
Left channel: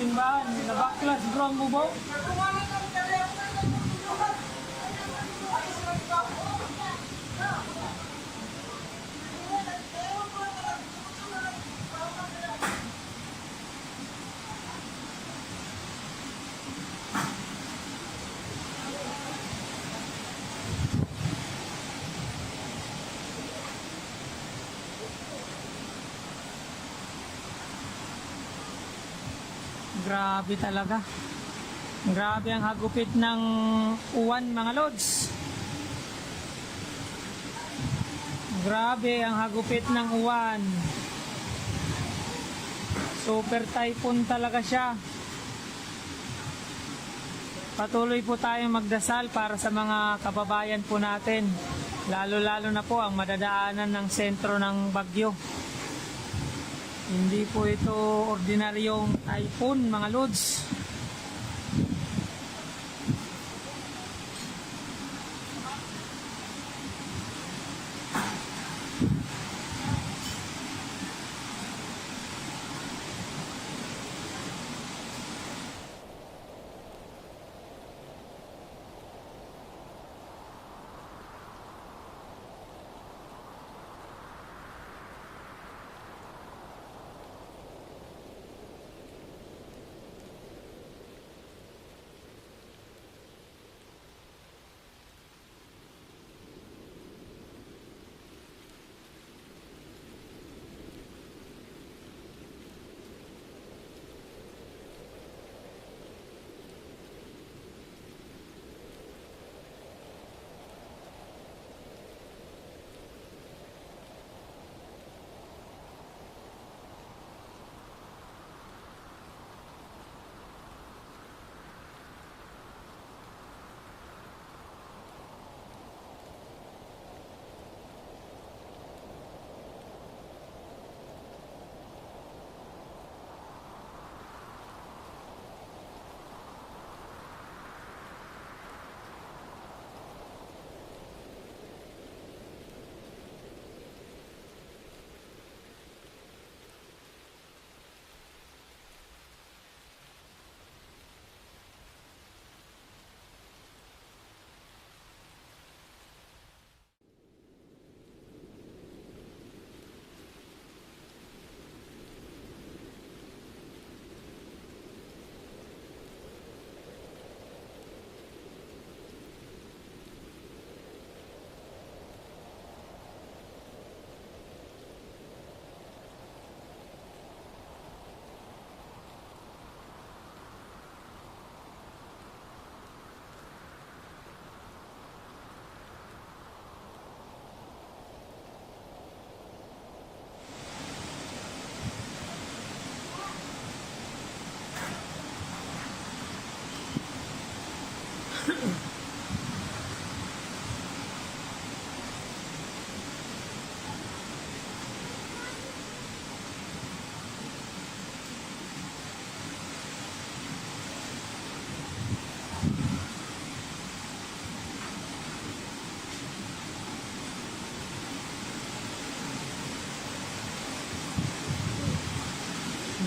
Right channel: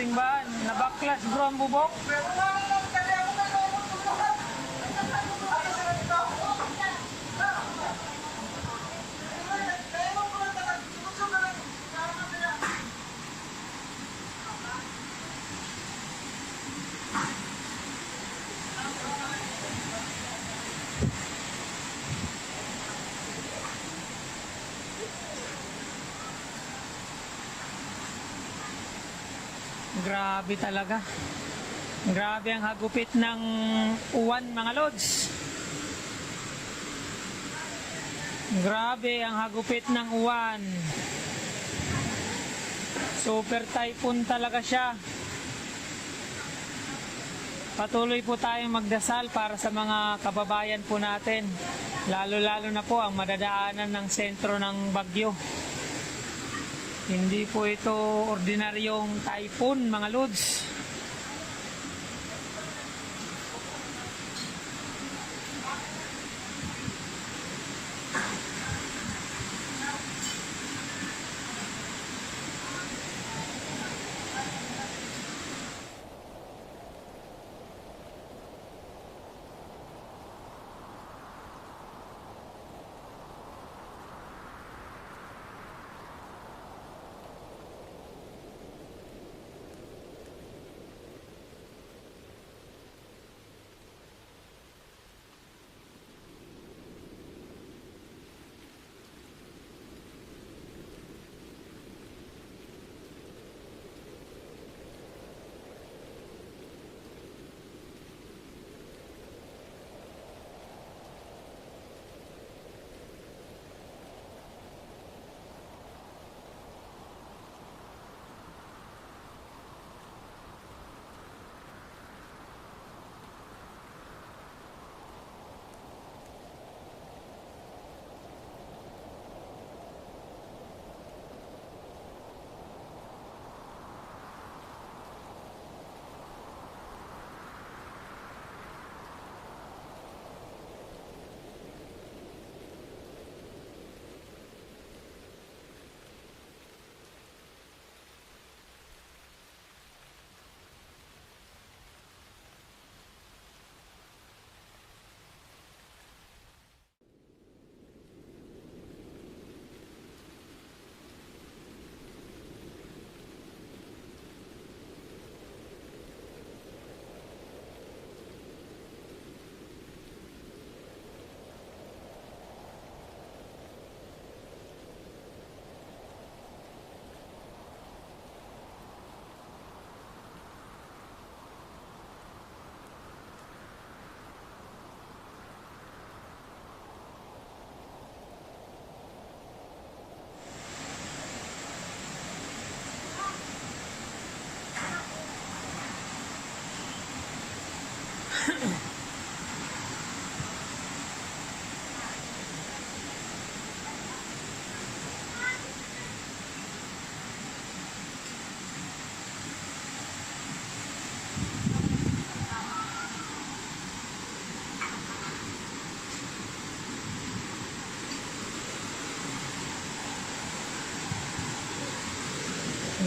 Simbahan, nabaklas bro ang bubok. Grabe talaga. Grabe ang hagupit ng uwan mga lods. Grabe ang hagupit ng uwan. Super typhoon talaga siya. Patuloy po tayong magdasal para sa mga kababayan po natin. Lalo-lalo na po ang madadaanan ng sentro ng bagyo. Hindi po ito ordinaryong typhoon mga lods.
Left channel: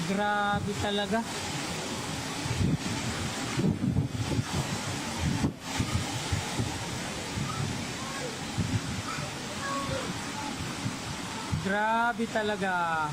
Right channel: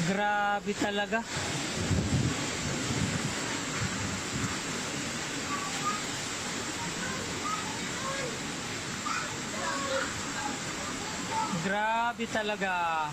Grabe talaga. Grabe talaga.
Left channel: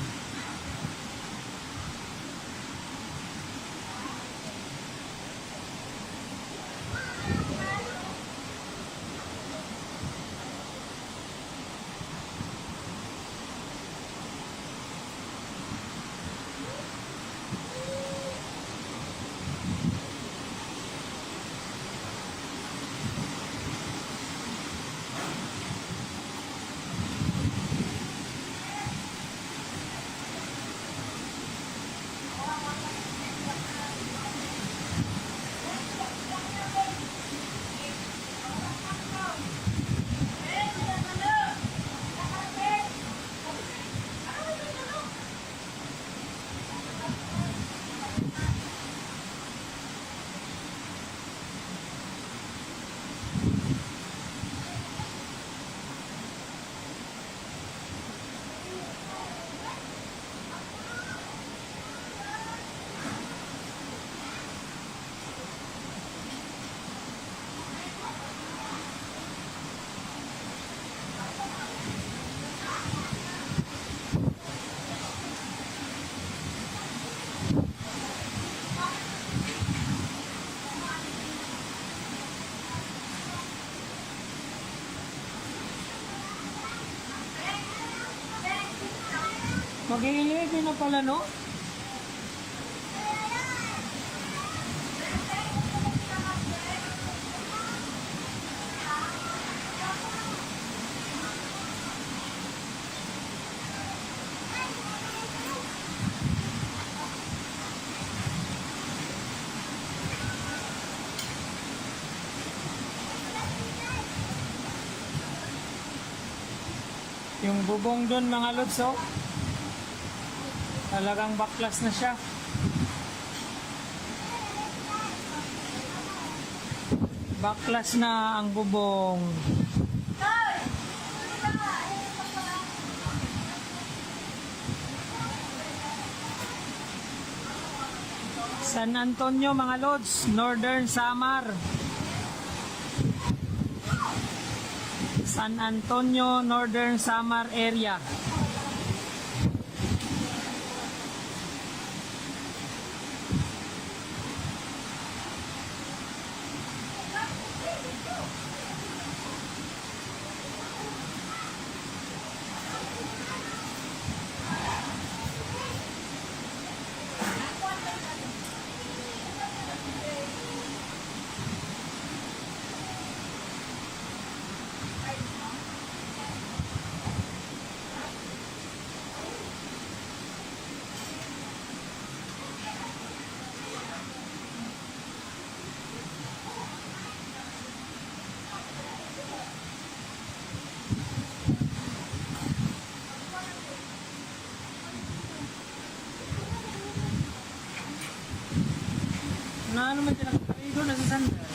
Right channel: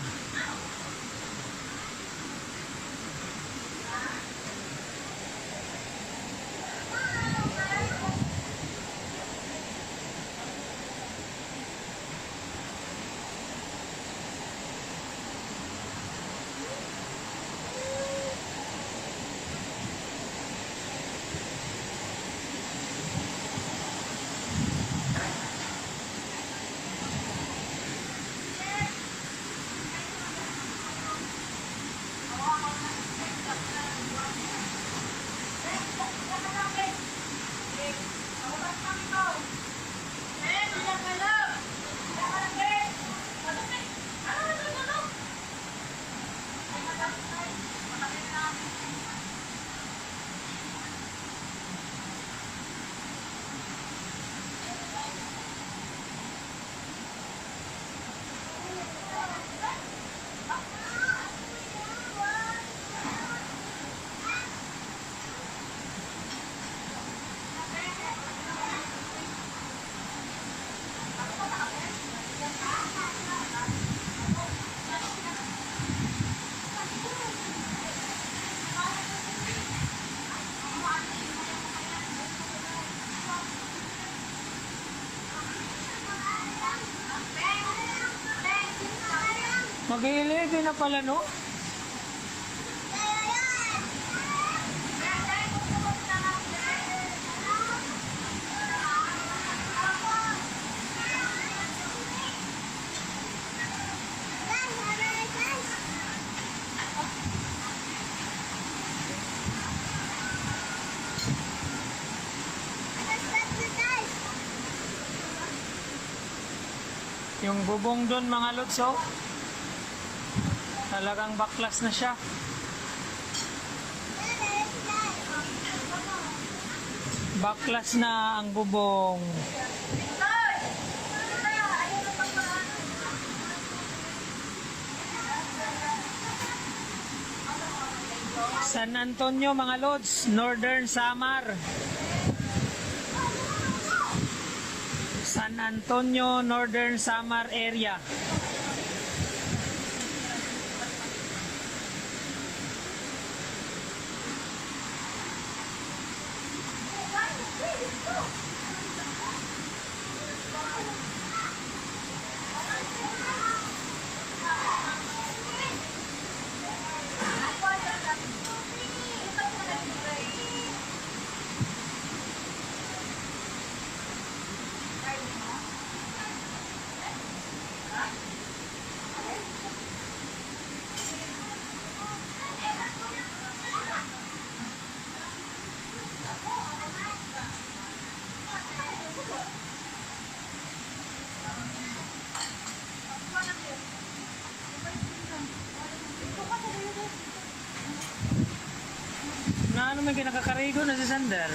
Mag-11 na pala, no? Yung bubong doon mga lods, oh. Talagang baklas na siya. Baklas na ang bubong. San Antonio mga lods, Northern Samar. San Antonio, Northern Samar area. Na ano may kinakakarigo na si Sander?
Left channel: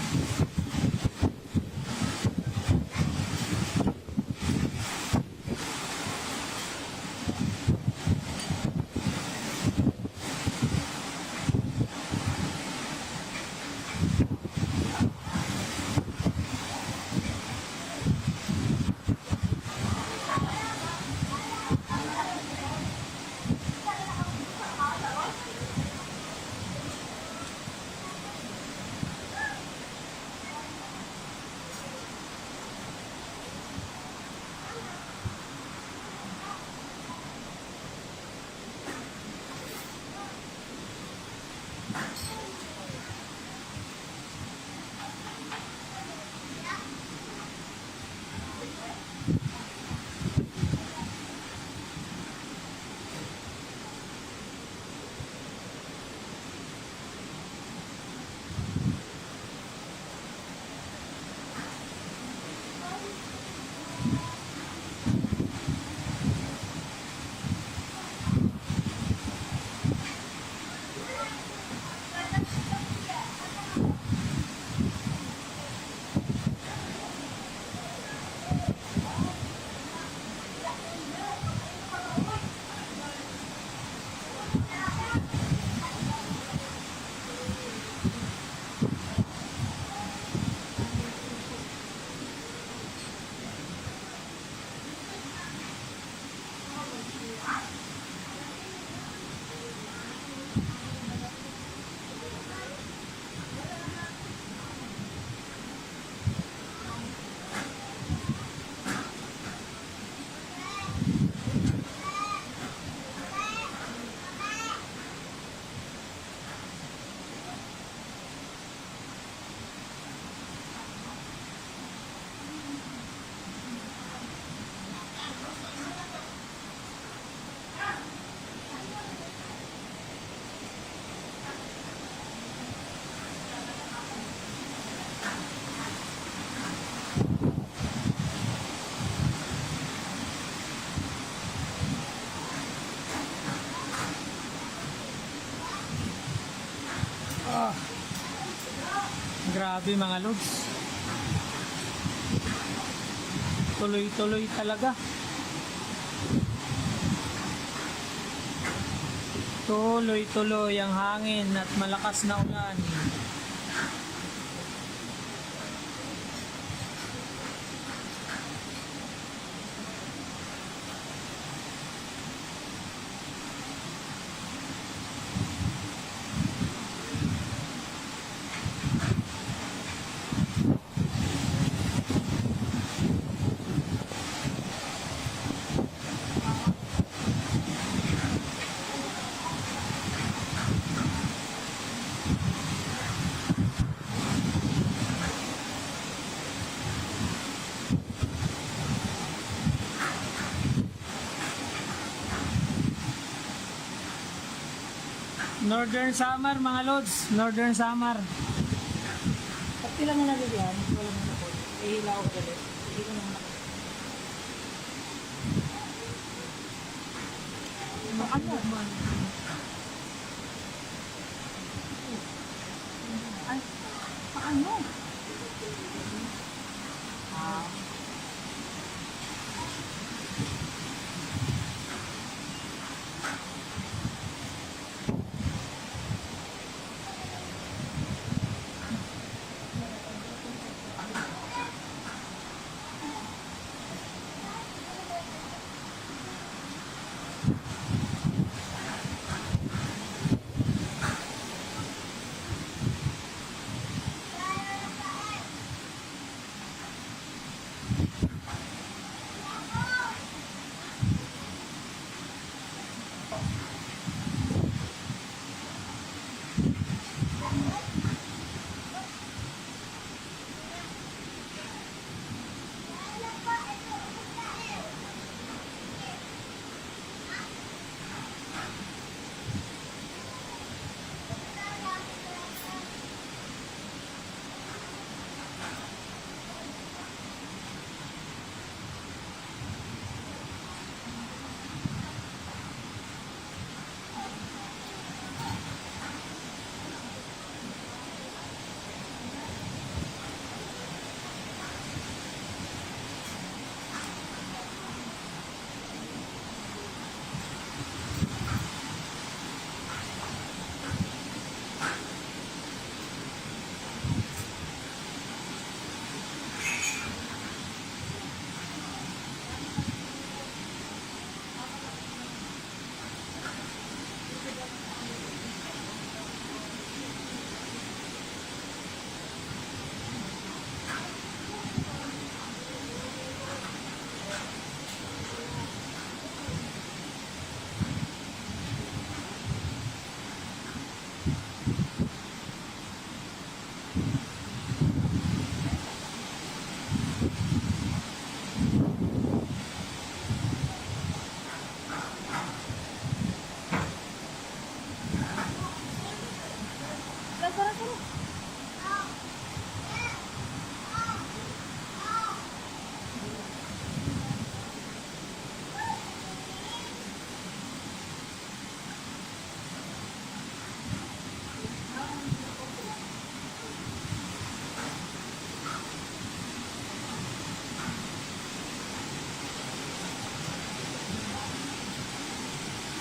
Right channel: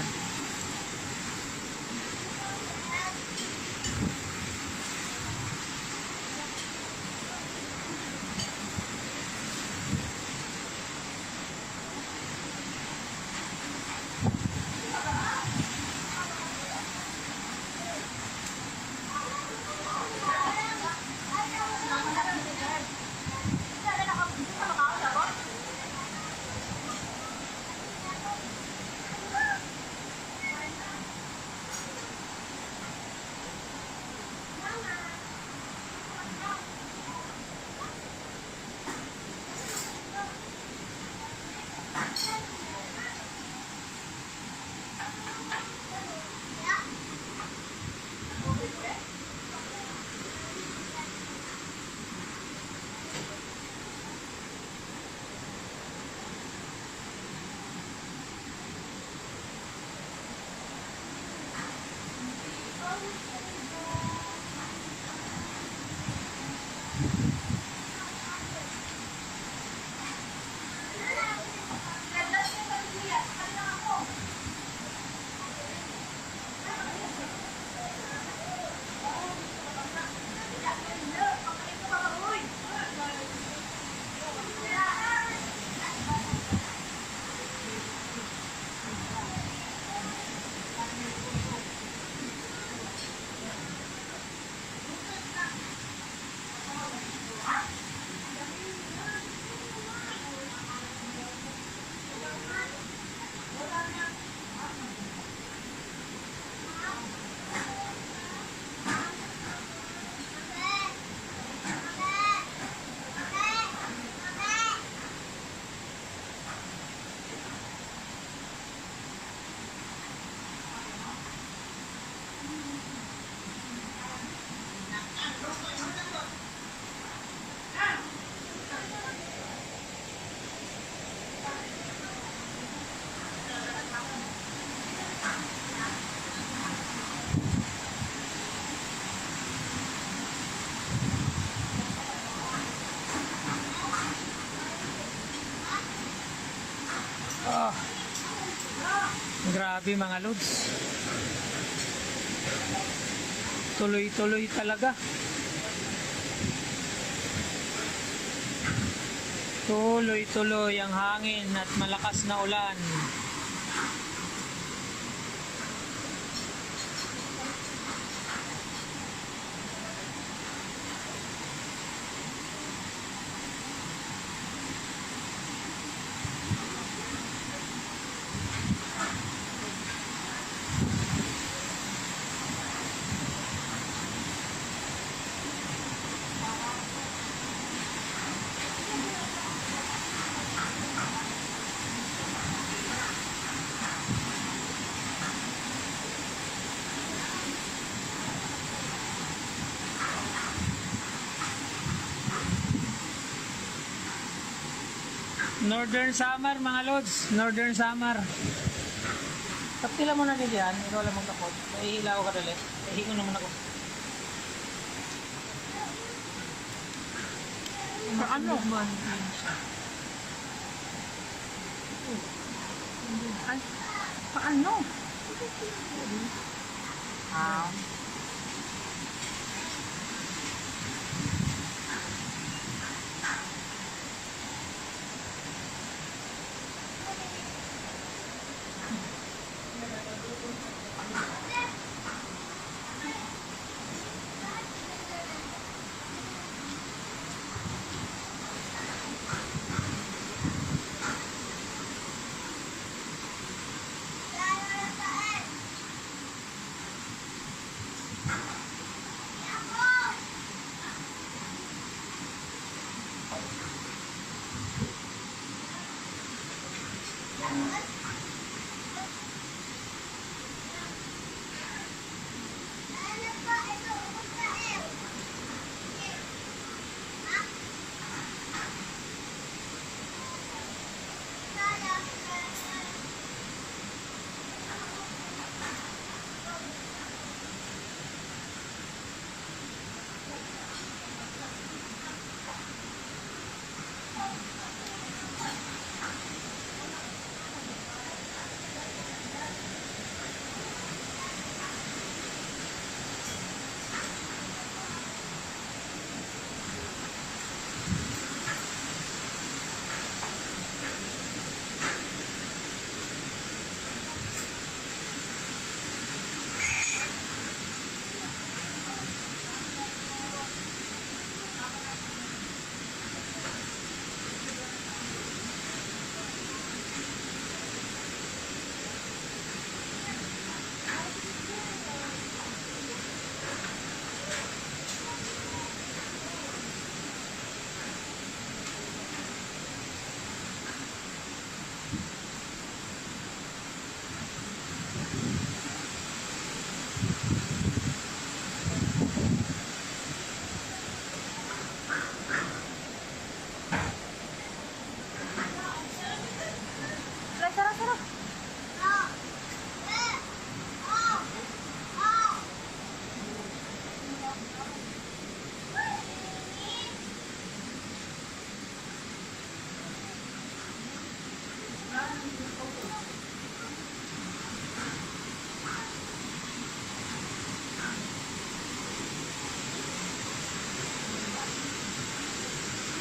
Grabe mga lods. Tuloy-tuloy talaga. Tuloy-tuloy ang hangin at malakas na ulan. Northern Samar, mga lods. Northern Samar. Kaptila mo na dito yan. Ikaw lang magtakot. Ihilaw ka dali. Ihingo naman ako. Paano? Ay, paano? Ah.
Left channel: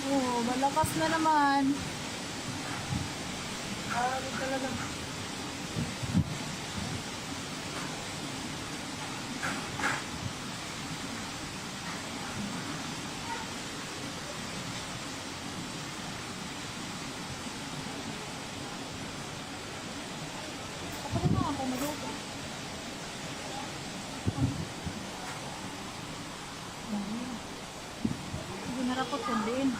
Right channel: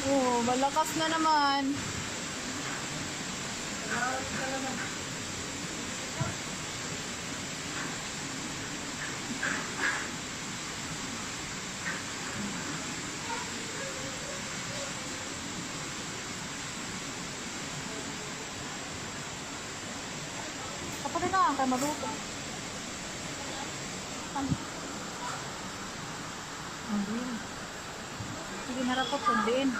Oh, malakas na naman. Kapatid na ang maluto. Sige, narapot sundin.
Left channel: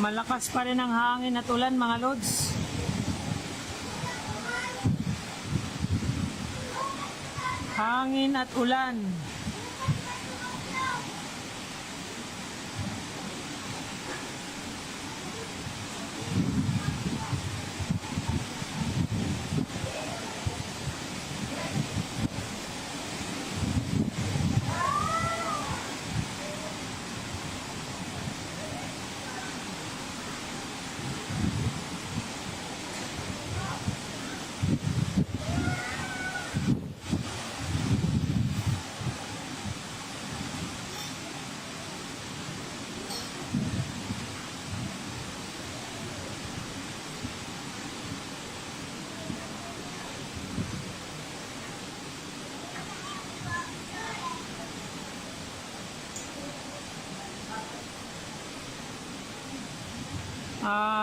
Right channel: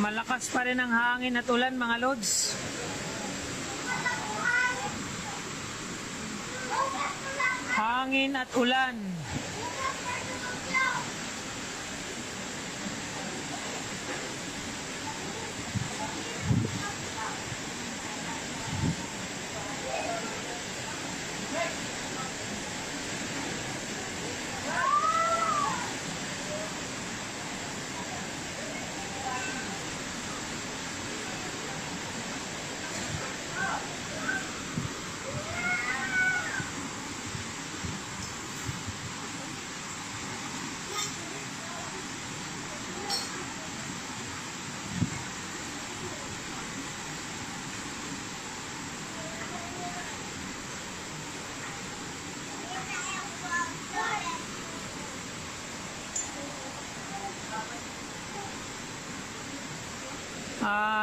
Malakas pa rin ang hangin at ulan, mga lods. Hangin at ulan.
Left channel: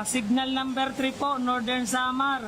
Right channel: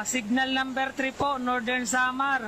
Signal number 3 po, Northern Samar.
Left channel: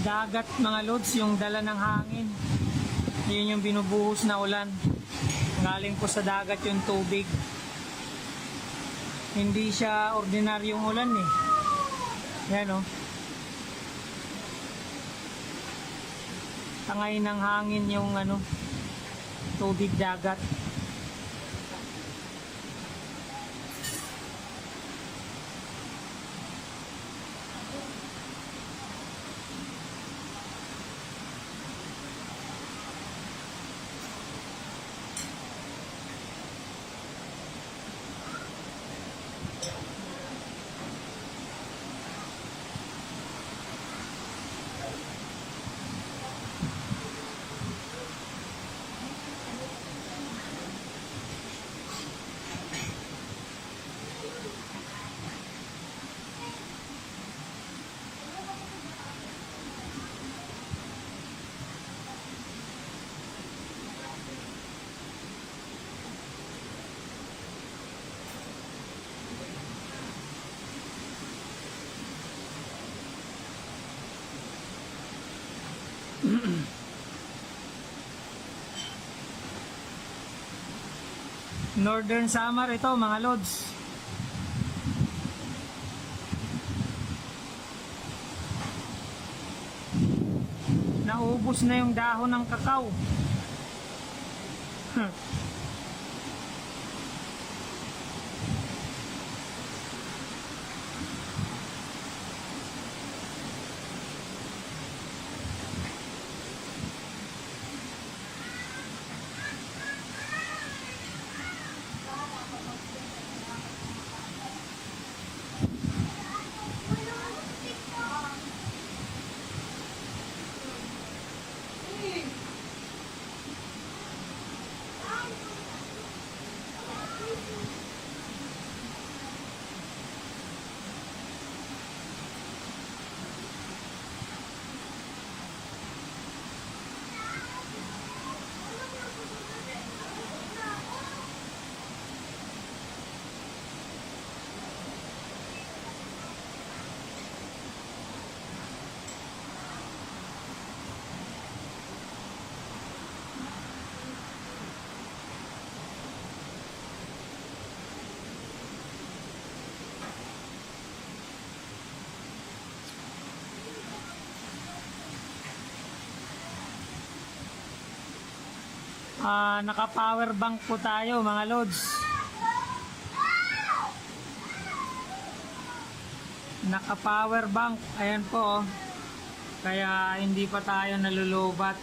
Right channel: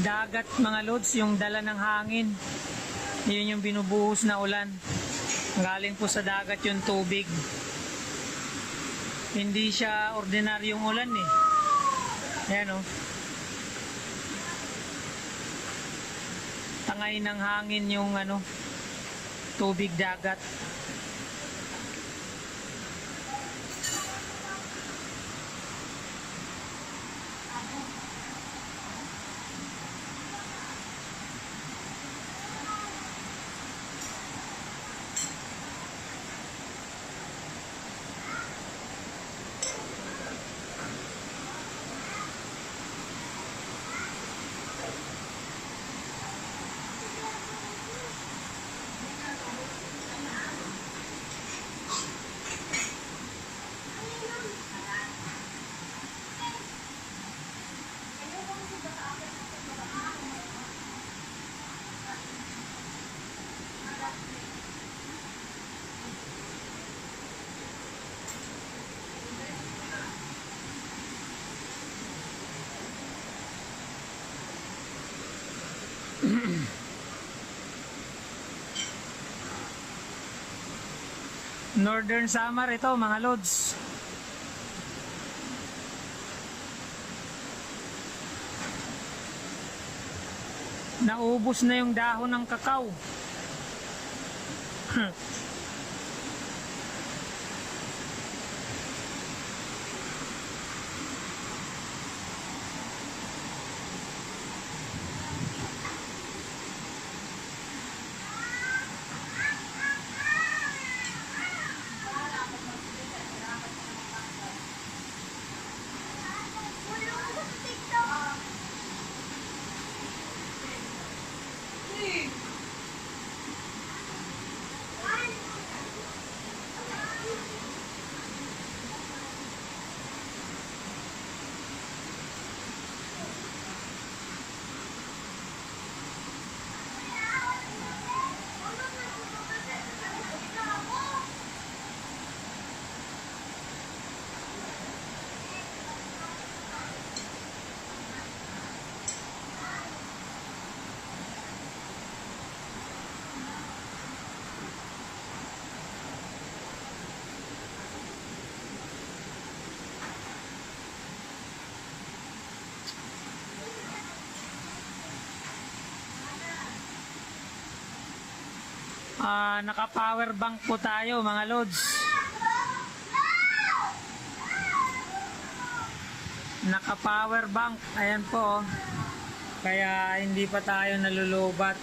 dagat mga lods, yung dala ng hangin. Yun yung binubuhos na ulan. Galing po sa dagat yung tubig. Hindi siya ordinaryong ulan eh. Ayan o. Tangay ng hangin yung ano, tubig dagat. Northern Samar ito mga lods. Naubos na yung dahon ng kakao. Naka-power bank po tayo mga lods. Naka-power bank. Ayan po. Kaya hindi pa tayo nalulubat.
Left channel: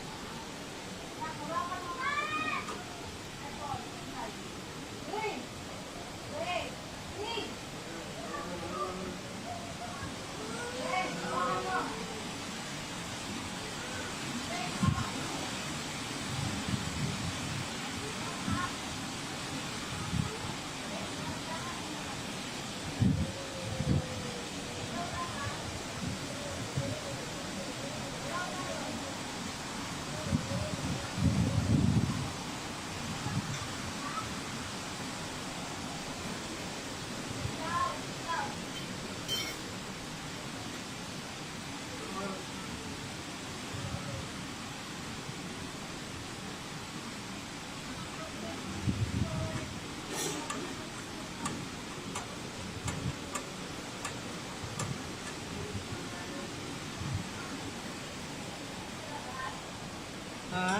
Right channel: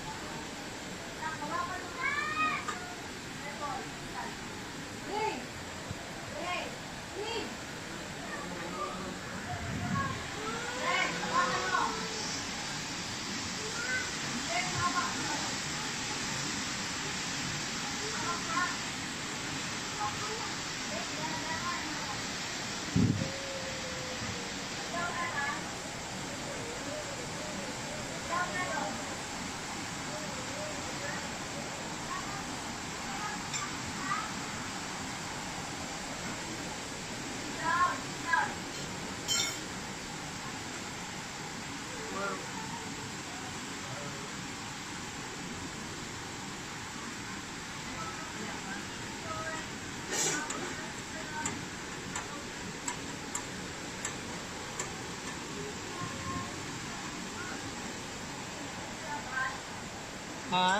Ha?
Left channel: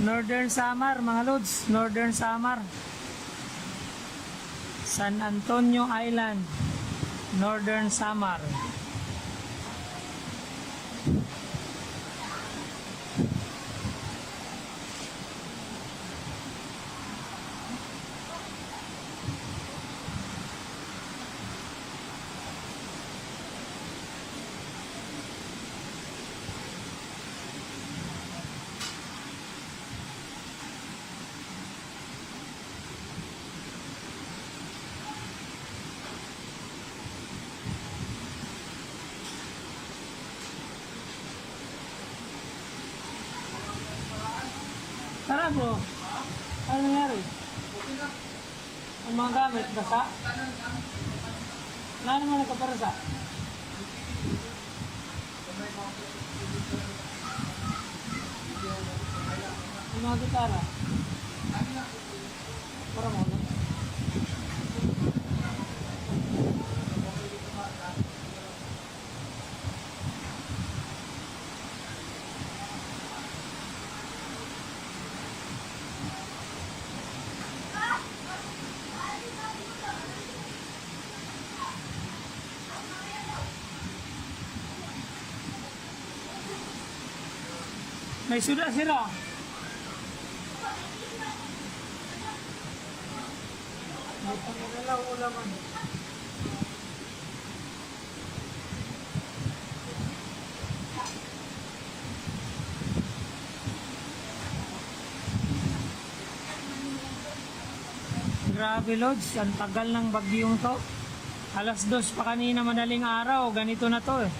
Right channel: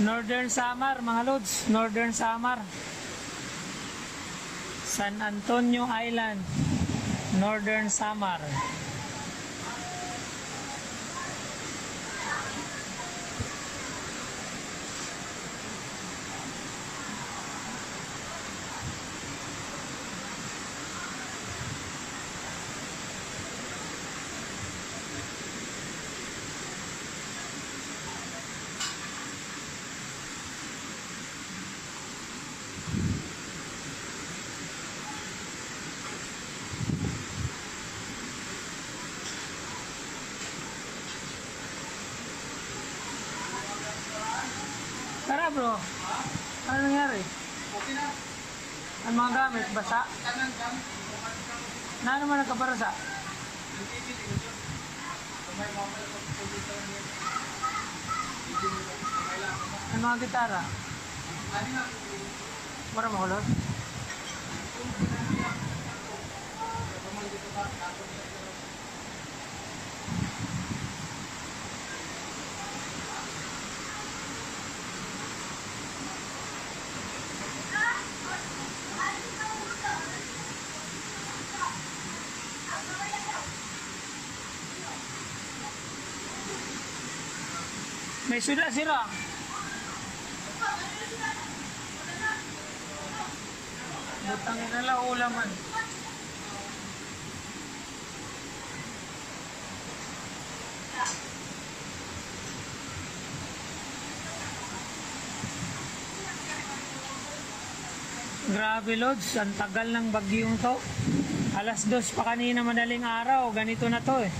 Northern Samar, mga lods. Northern Samar. San Antonio Island. Northern Samar. Tara bro. Ano nangyari? Okay na. Ang mga gamit, basa? Na naman nagkaparasa? Ang mga gitara? Para mahulog? May suda sira. Butang na lang ulaman. Grabe lods, ang tagal ng bagyong to. Alas 2 pa kanina madaling araw, ganito na to eh.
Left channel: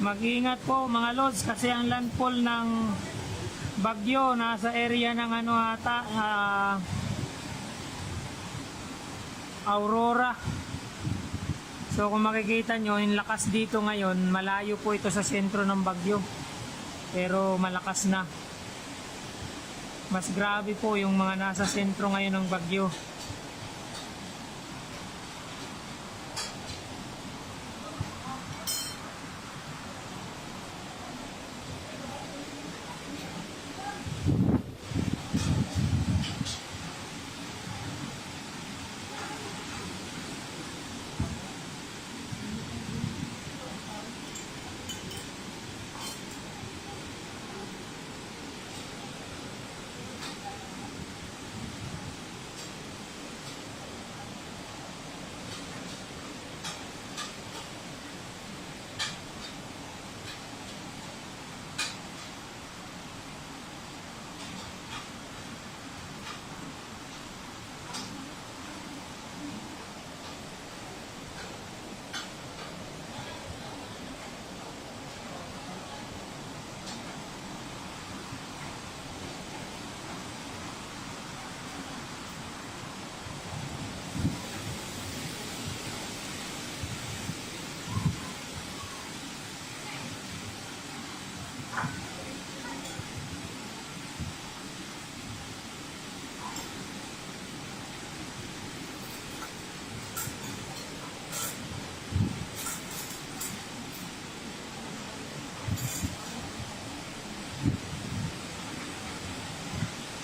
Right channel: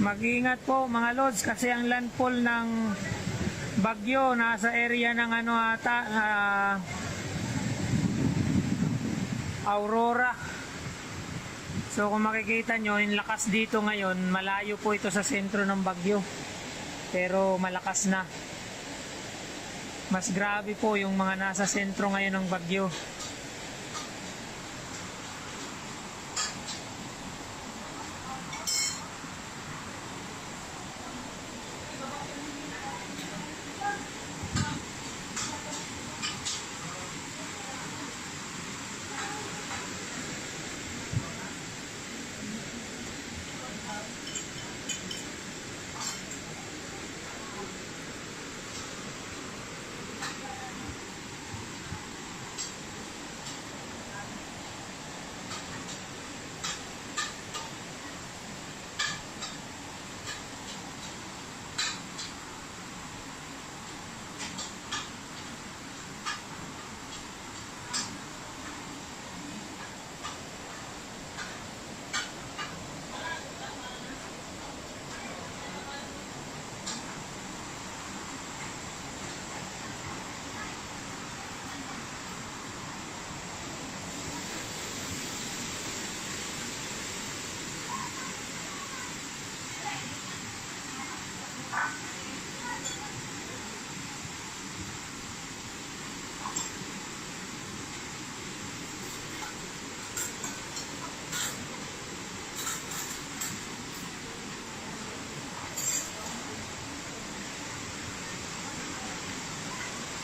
Mag-ingat po mga lods kasi ang landfall ng bagyo nasa area ng ano ata Aurora. So kung makikita nyo yung lakas dito ngayon, malayo po ito sa sentro ng bagyo pero malakas na. Mas grabe po yung mga nasa sentro ngayon ng bagyo.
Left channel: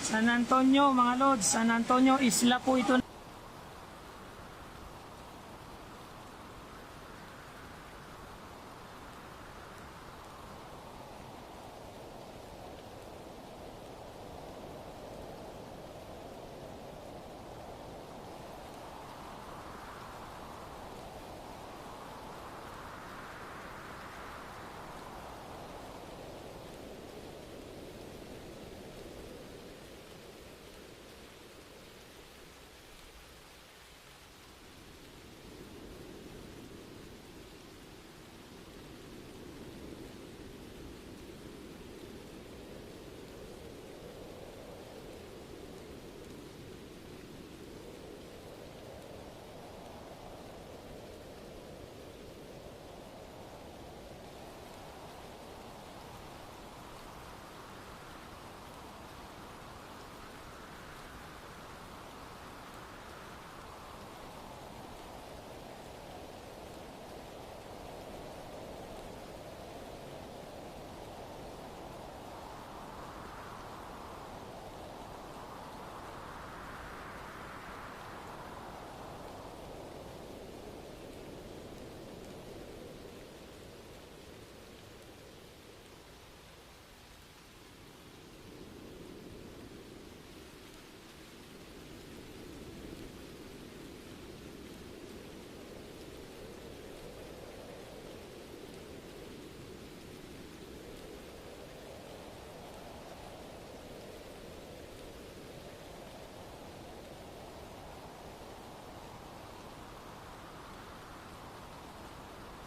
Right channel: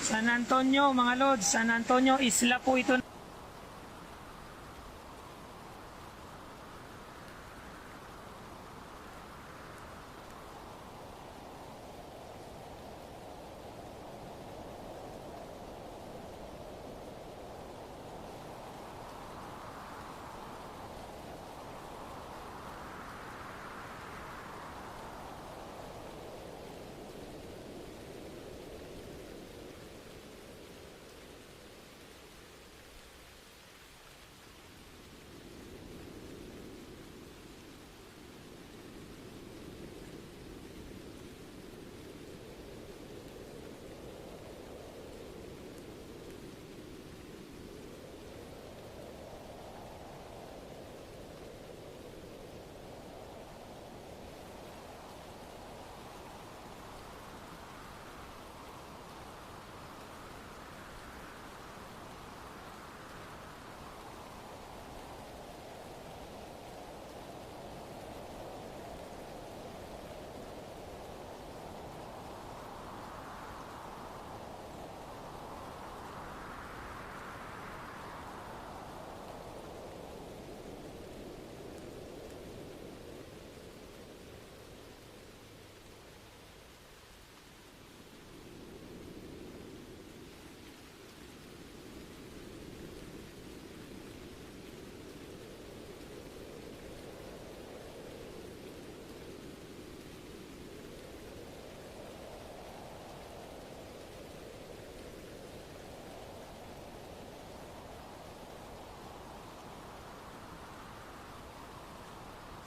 San Antonio mga lods, San Antonio isla po ito.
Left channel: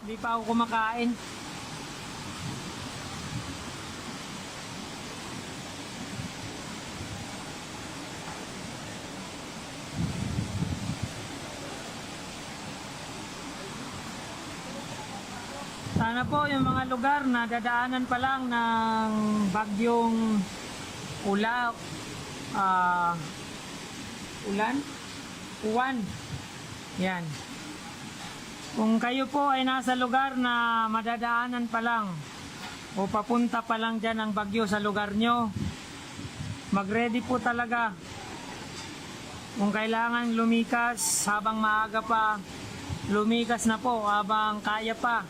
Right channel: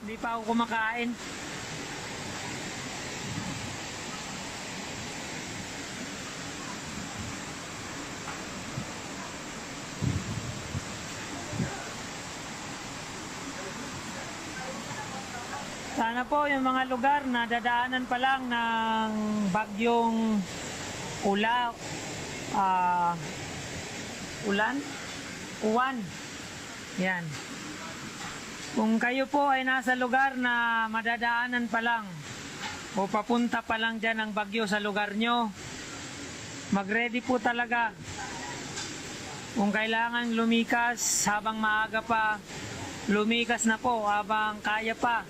Hindi pa ako kumakain. Sana po yung mga lugar na dadaanan pa lang ng bagyong ulan, uwan. Yan. Kung kayo po ay nasa lugar na madadaanan pa lang o papunta pa lang dyan ang bagyo sa lugar nyo, mag-ready po talaga. Kung kailangan lumikas habang maaga pa, lumikas na po habang kaya pa.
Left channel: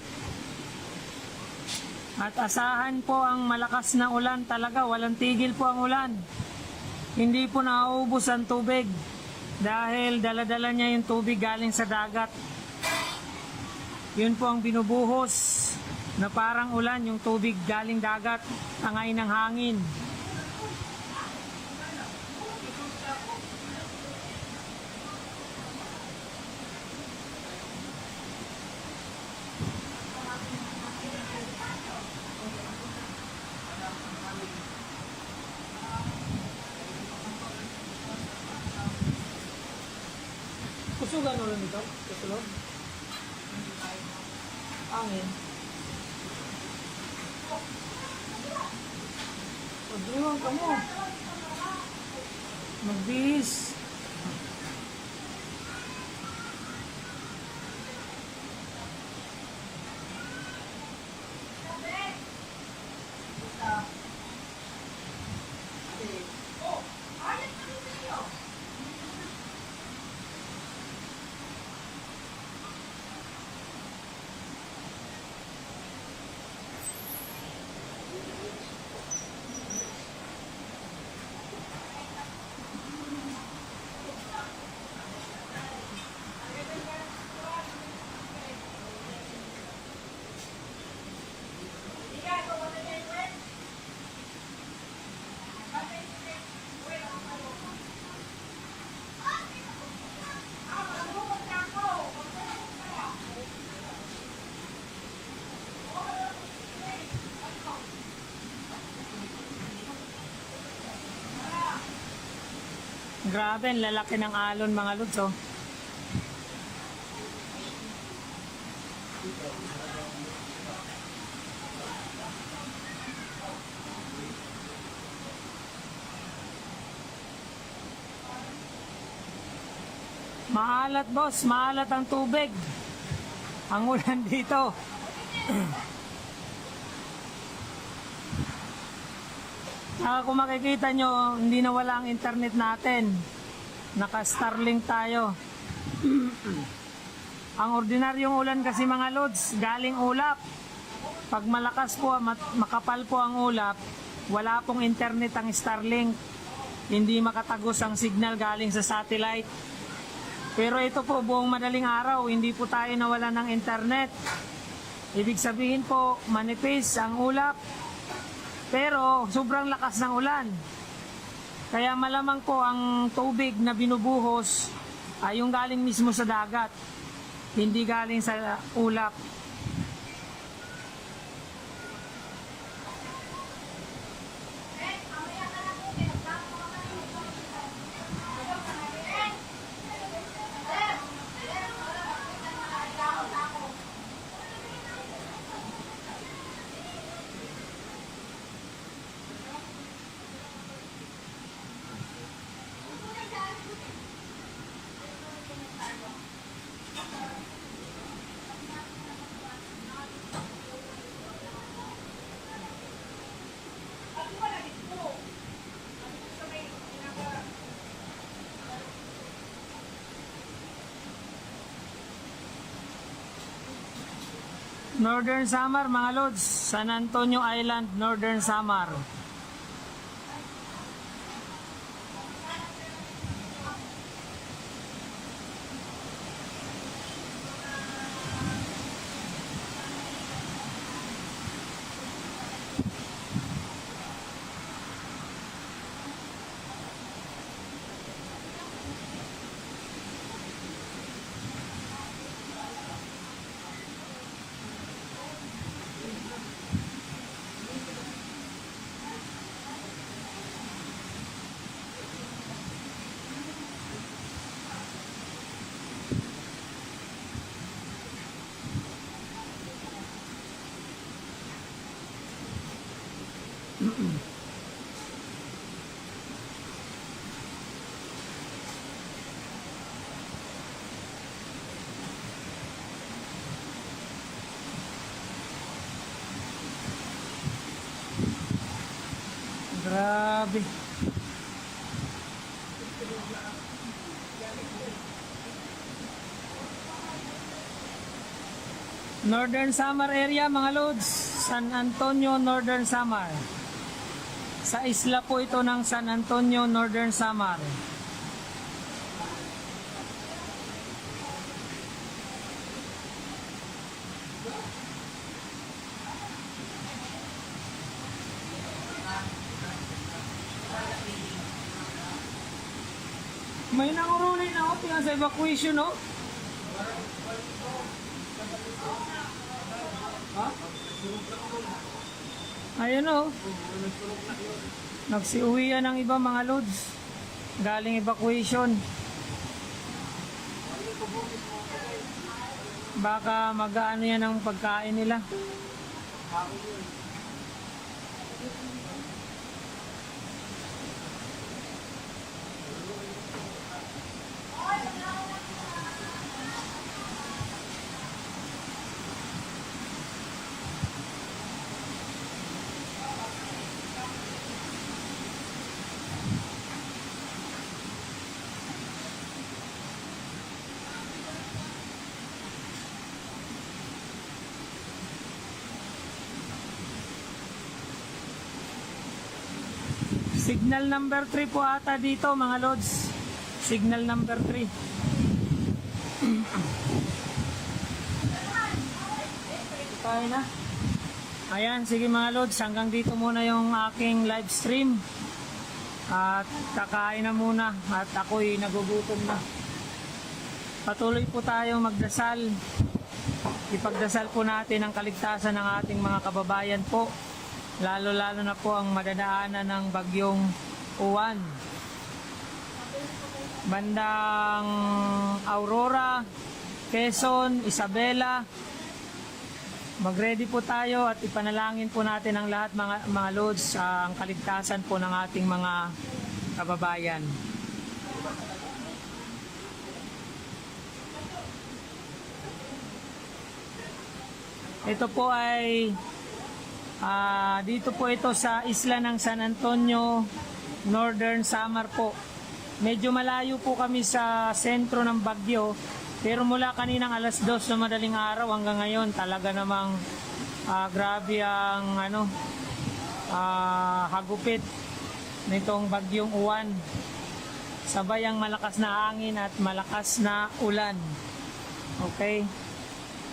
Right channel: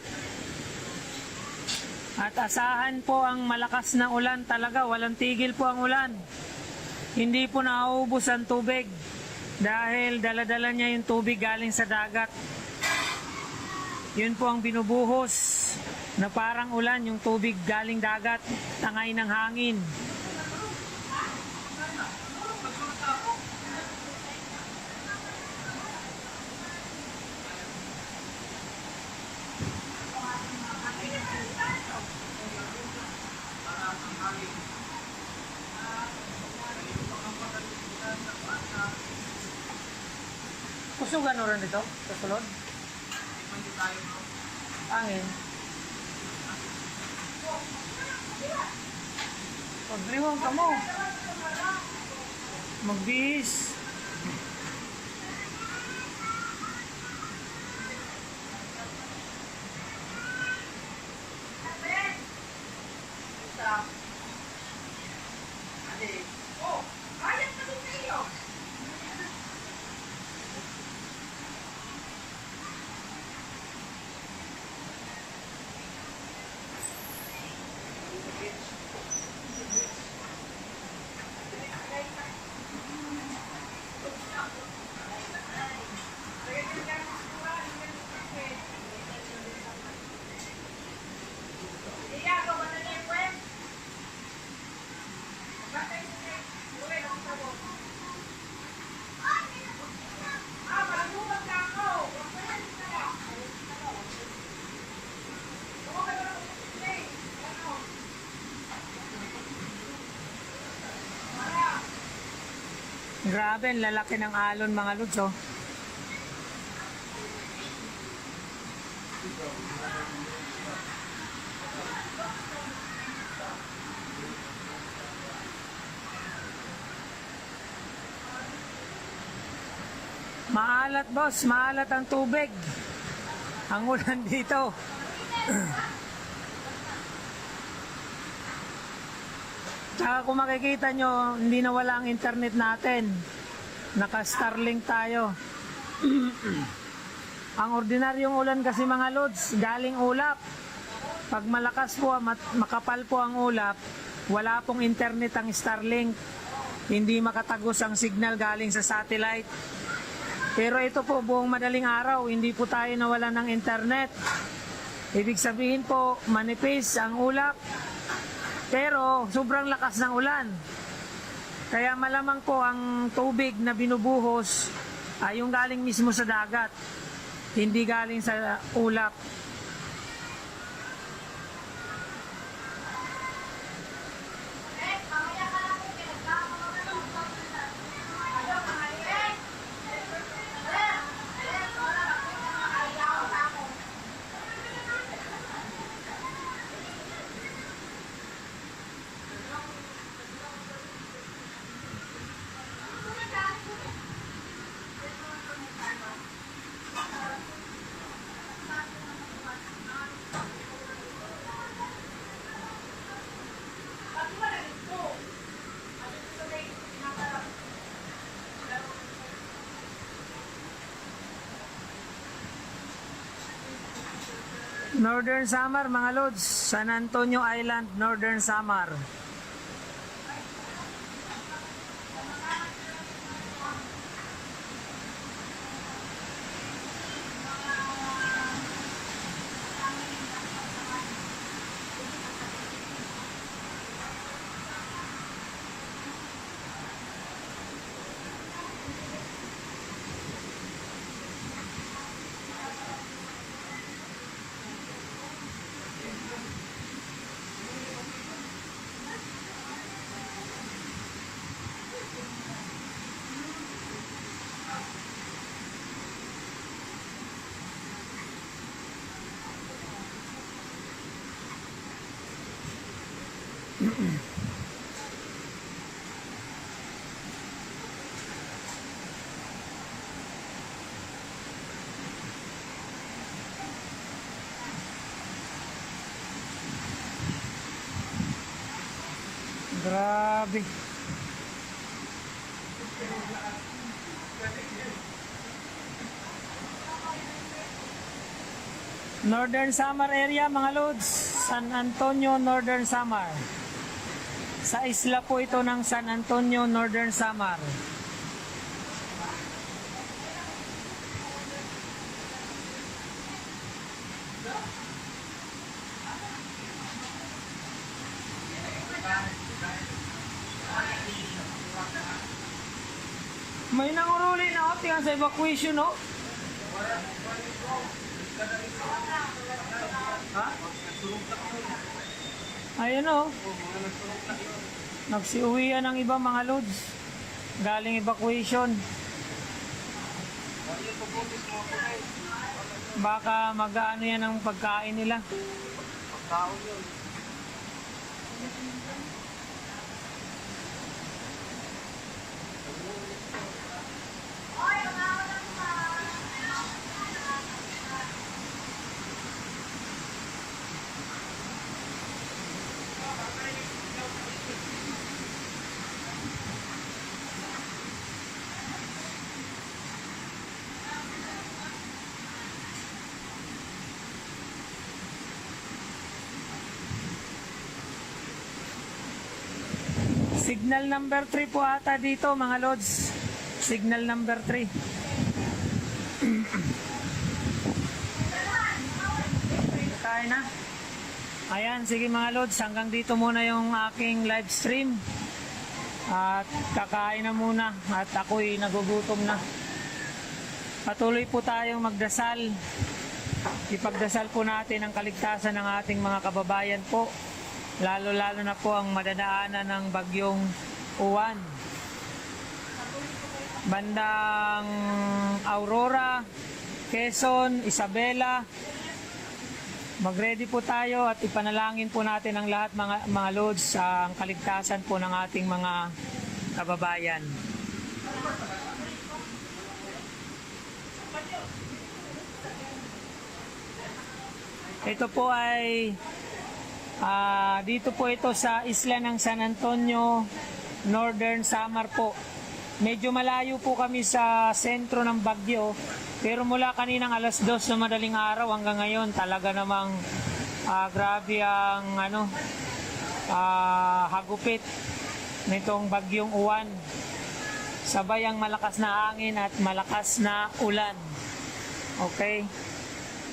At asahan po ang malakas na ulan talaga, walang tigil po ang ulan. Hindi po nauubos ang tubig dahil dala-dala niya yung tubig galing sa dagat. Yun po ang binubuhos na parang ulan, yung tubig galing dagat, tangay ng hangin. Kusugan o rin dito? Kasulod? Angin. Pagriwang ka mo. Magbihis. Grabe, ang lalaki ng alon mga lods, oh. Maalat boss, maalat ang tubig. Ang ulan dito. Tsaka kung makikita nyo, hindi na wala ang internet natin. Naka-Starlink tayo. Ang ordinaryong ulan kasi mga lods, galing ulap. Pag malakas po, makapal po ang ulap, wala pong internet ang Starlink. Hindi makatagos ang signal galing sa satellite. Pero ito po, buong madaling araw, hindi po tayo nawala ng internet. Ibig sabihin po, manipis ang ulap. Pero sobrang lakas ng ulan. Kaya malamang po ang tubig na binubuhos ay yung galing mismo sa dagat. Hindi galing sa ulap. Northern Samar mga lods, San Antonio Island, Northern Samar. Grabe. Northern Samar area mga lods, San Antonio, Northern Samar. Sa isla po ito ng San Antonio, Northern Samar. May nanguruli na o, tingnan sa evacuation o. Ha? Ayan o. Nagsiuwian ng iba mga lods. Galing evacuation. Baka mag-ano yan ang pagkain nila. Signal number 3 po ata dito mga lods. Signal number 3. Tayo na. Ayan, sige mga lods, hanggang dito muna yung aking live stream. At kakain na muna at ako'y nagugutom na. Patuloy po tayong magdasal. Ipagdasal po natin ang kaligtasan ng ating mga kababayan po. Lalo-lalo na po ang madadaanan ng bagyong Uwan. Bandang Aurora, Quezon, Isabela. Mag-ready po tayo at ipanalangin po natin ang lahat mga lods ang kaligtasan po ng ating mga kababayan. Ito po ay dito po ito sa isla ng San Antonio, Northern Samar po. Medyo malayo po kami sa sentro ng bagyo, pero mula kaninang alas 2 na madaling araw hanggang ngayon talaga namang grabe ang hagupit nitong bagyong Uwan. Sabay ang malakas na hangin at malakas na ulan. Okay?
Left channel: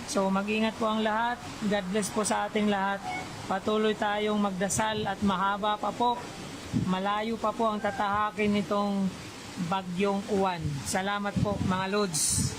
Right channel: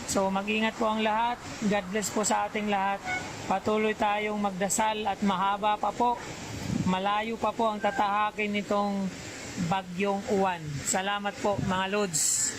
So mag-ingat po ang lahat. God bless po sa ating lahat. Patuloy tayong magdasal at mahaba pa po, malayo pa po ang tatahakin nitong bagyong Uwan. Salamat po mga lods.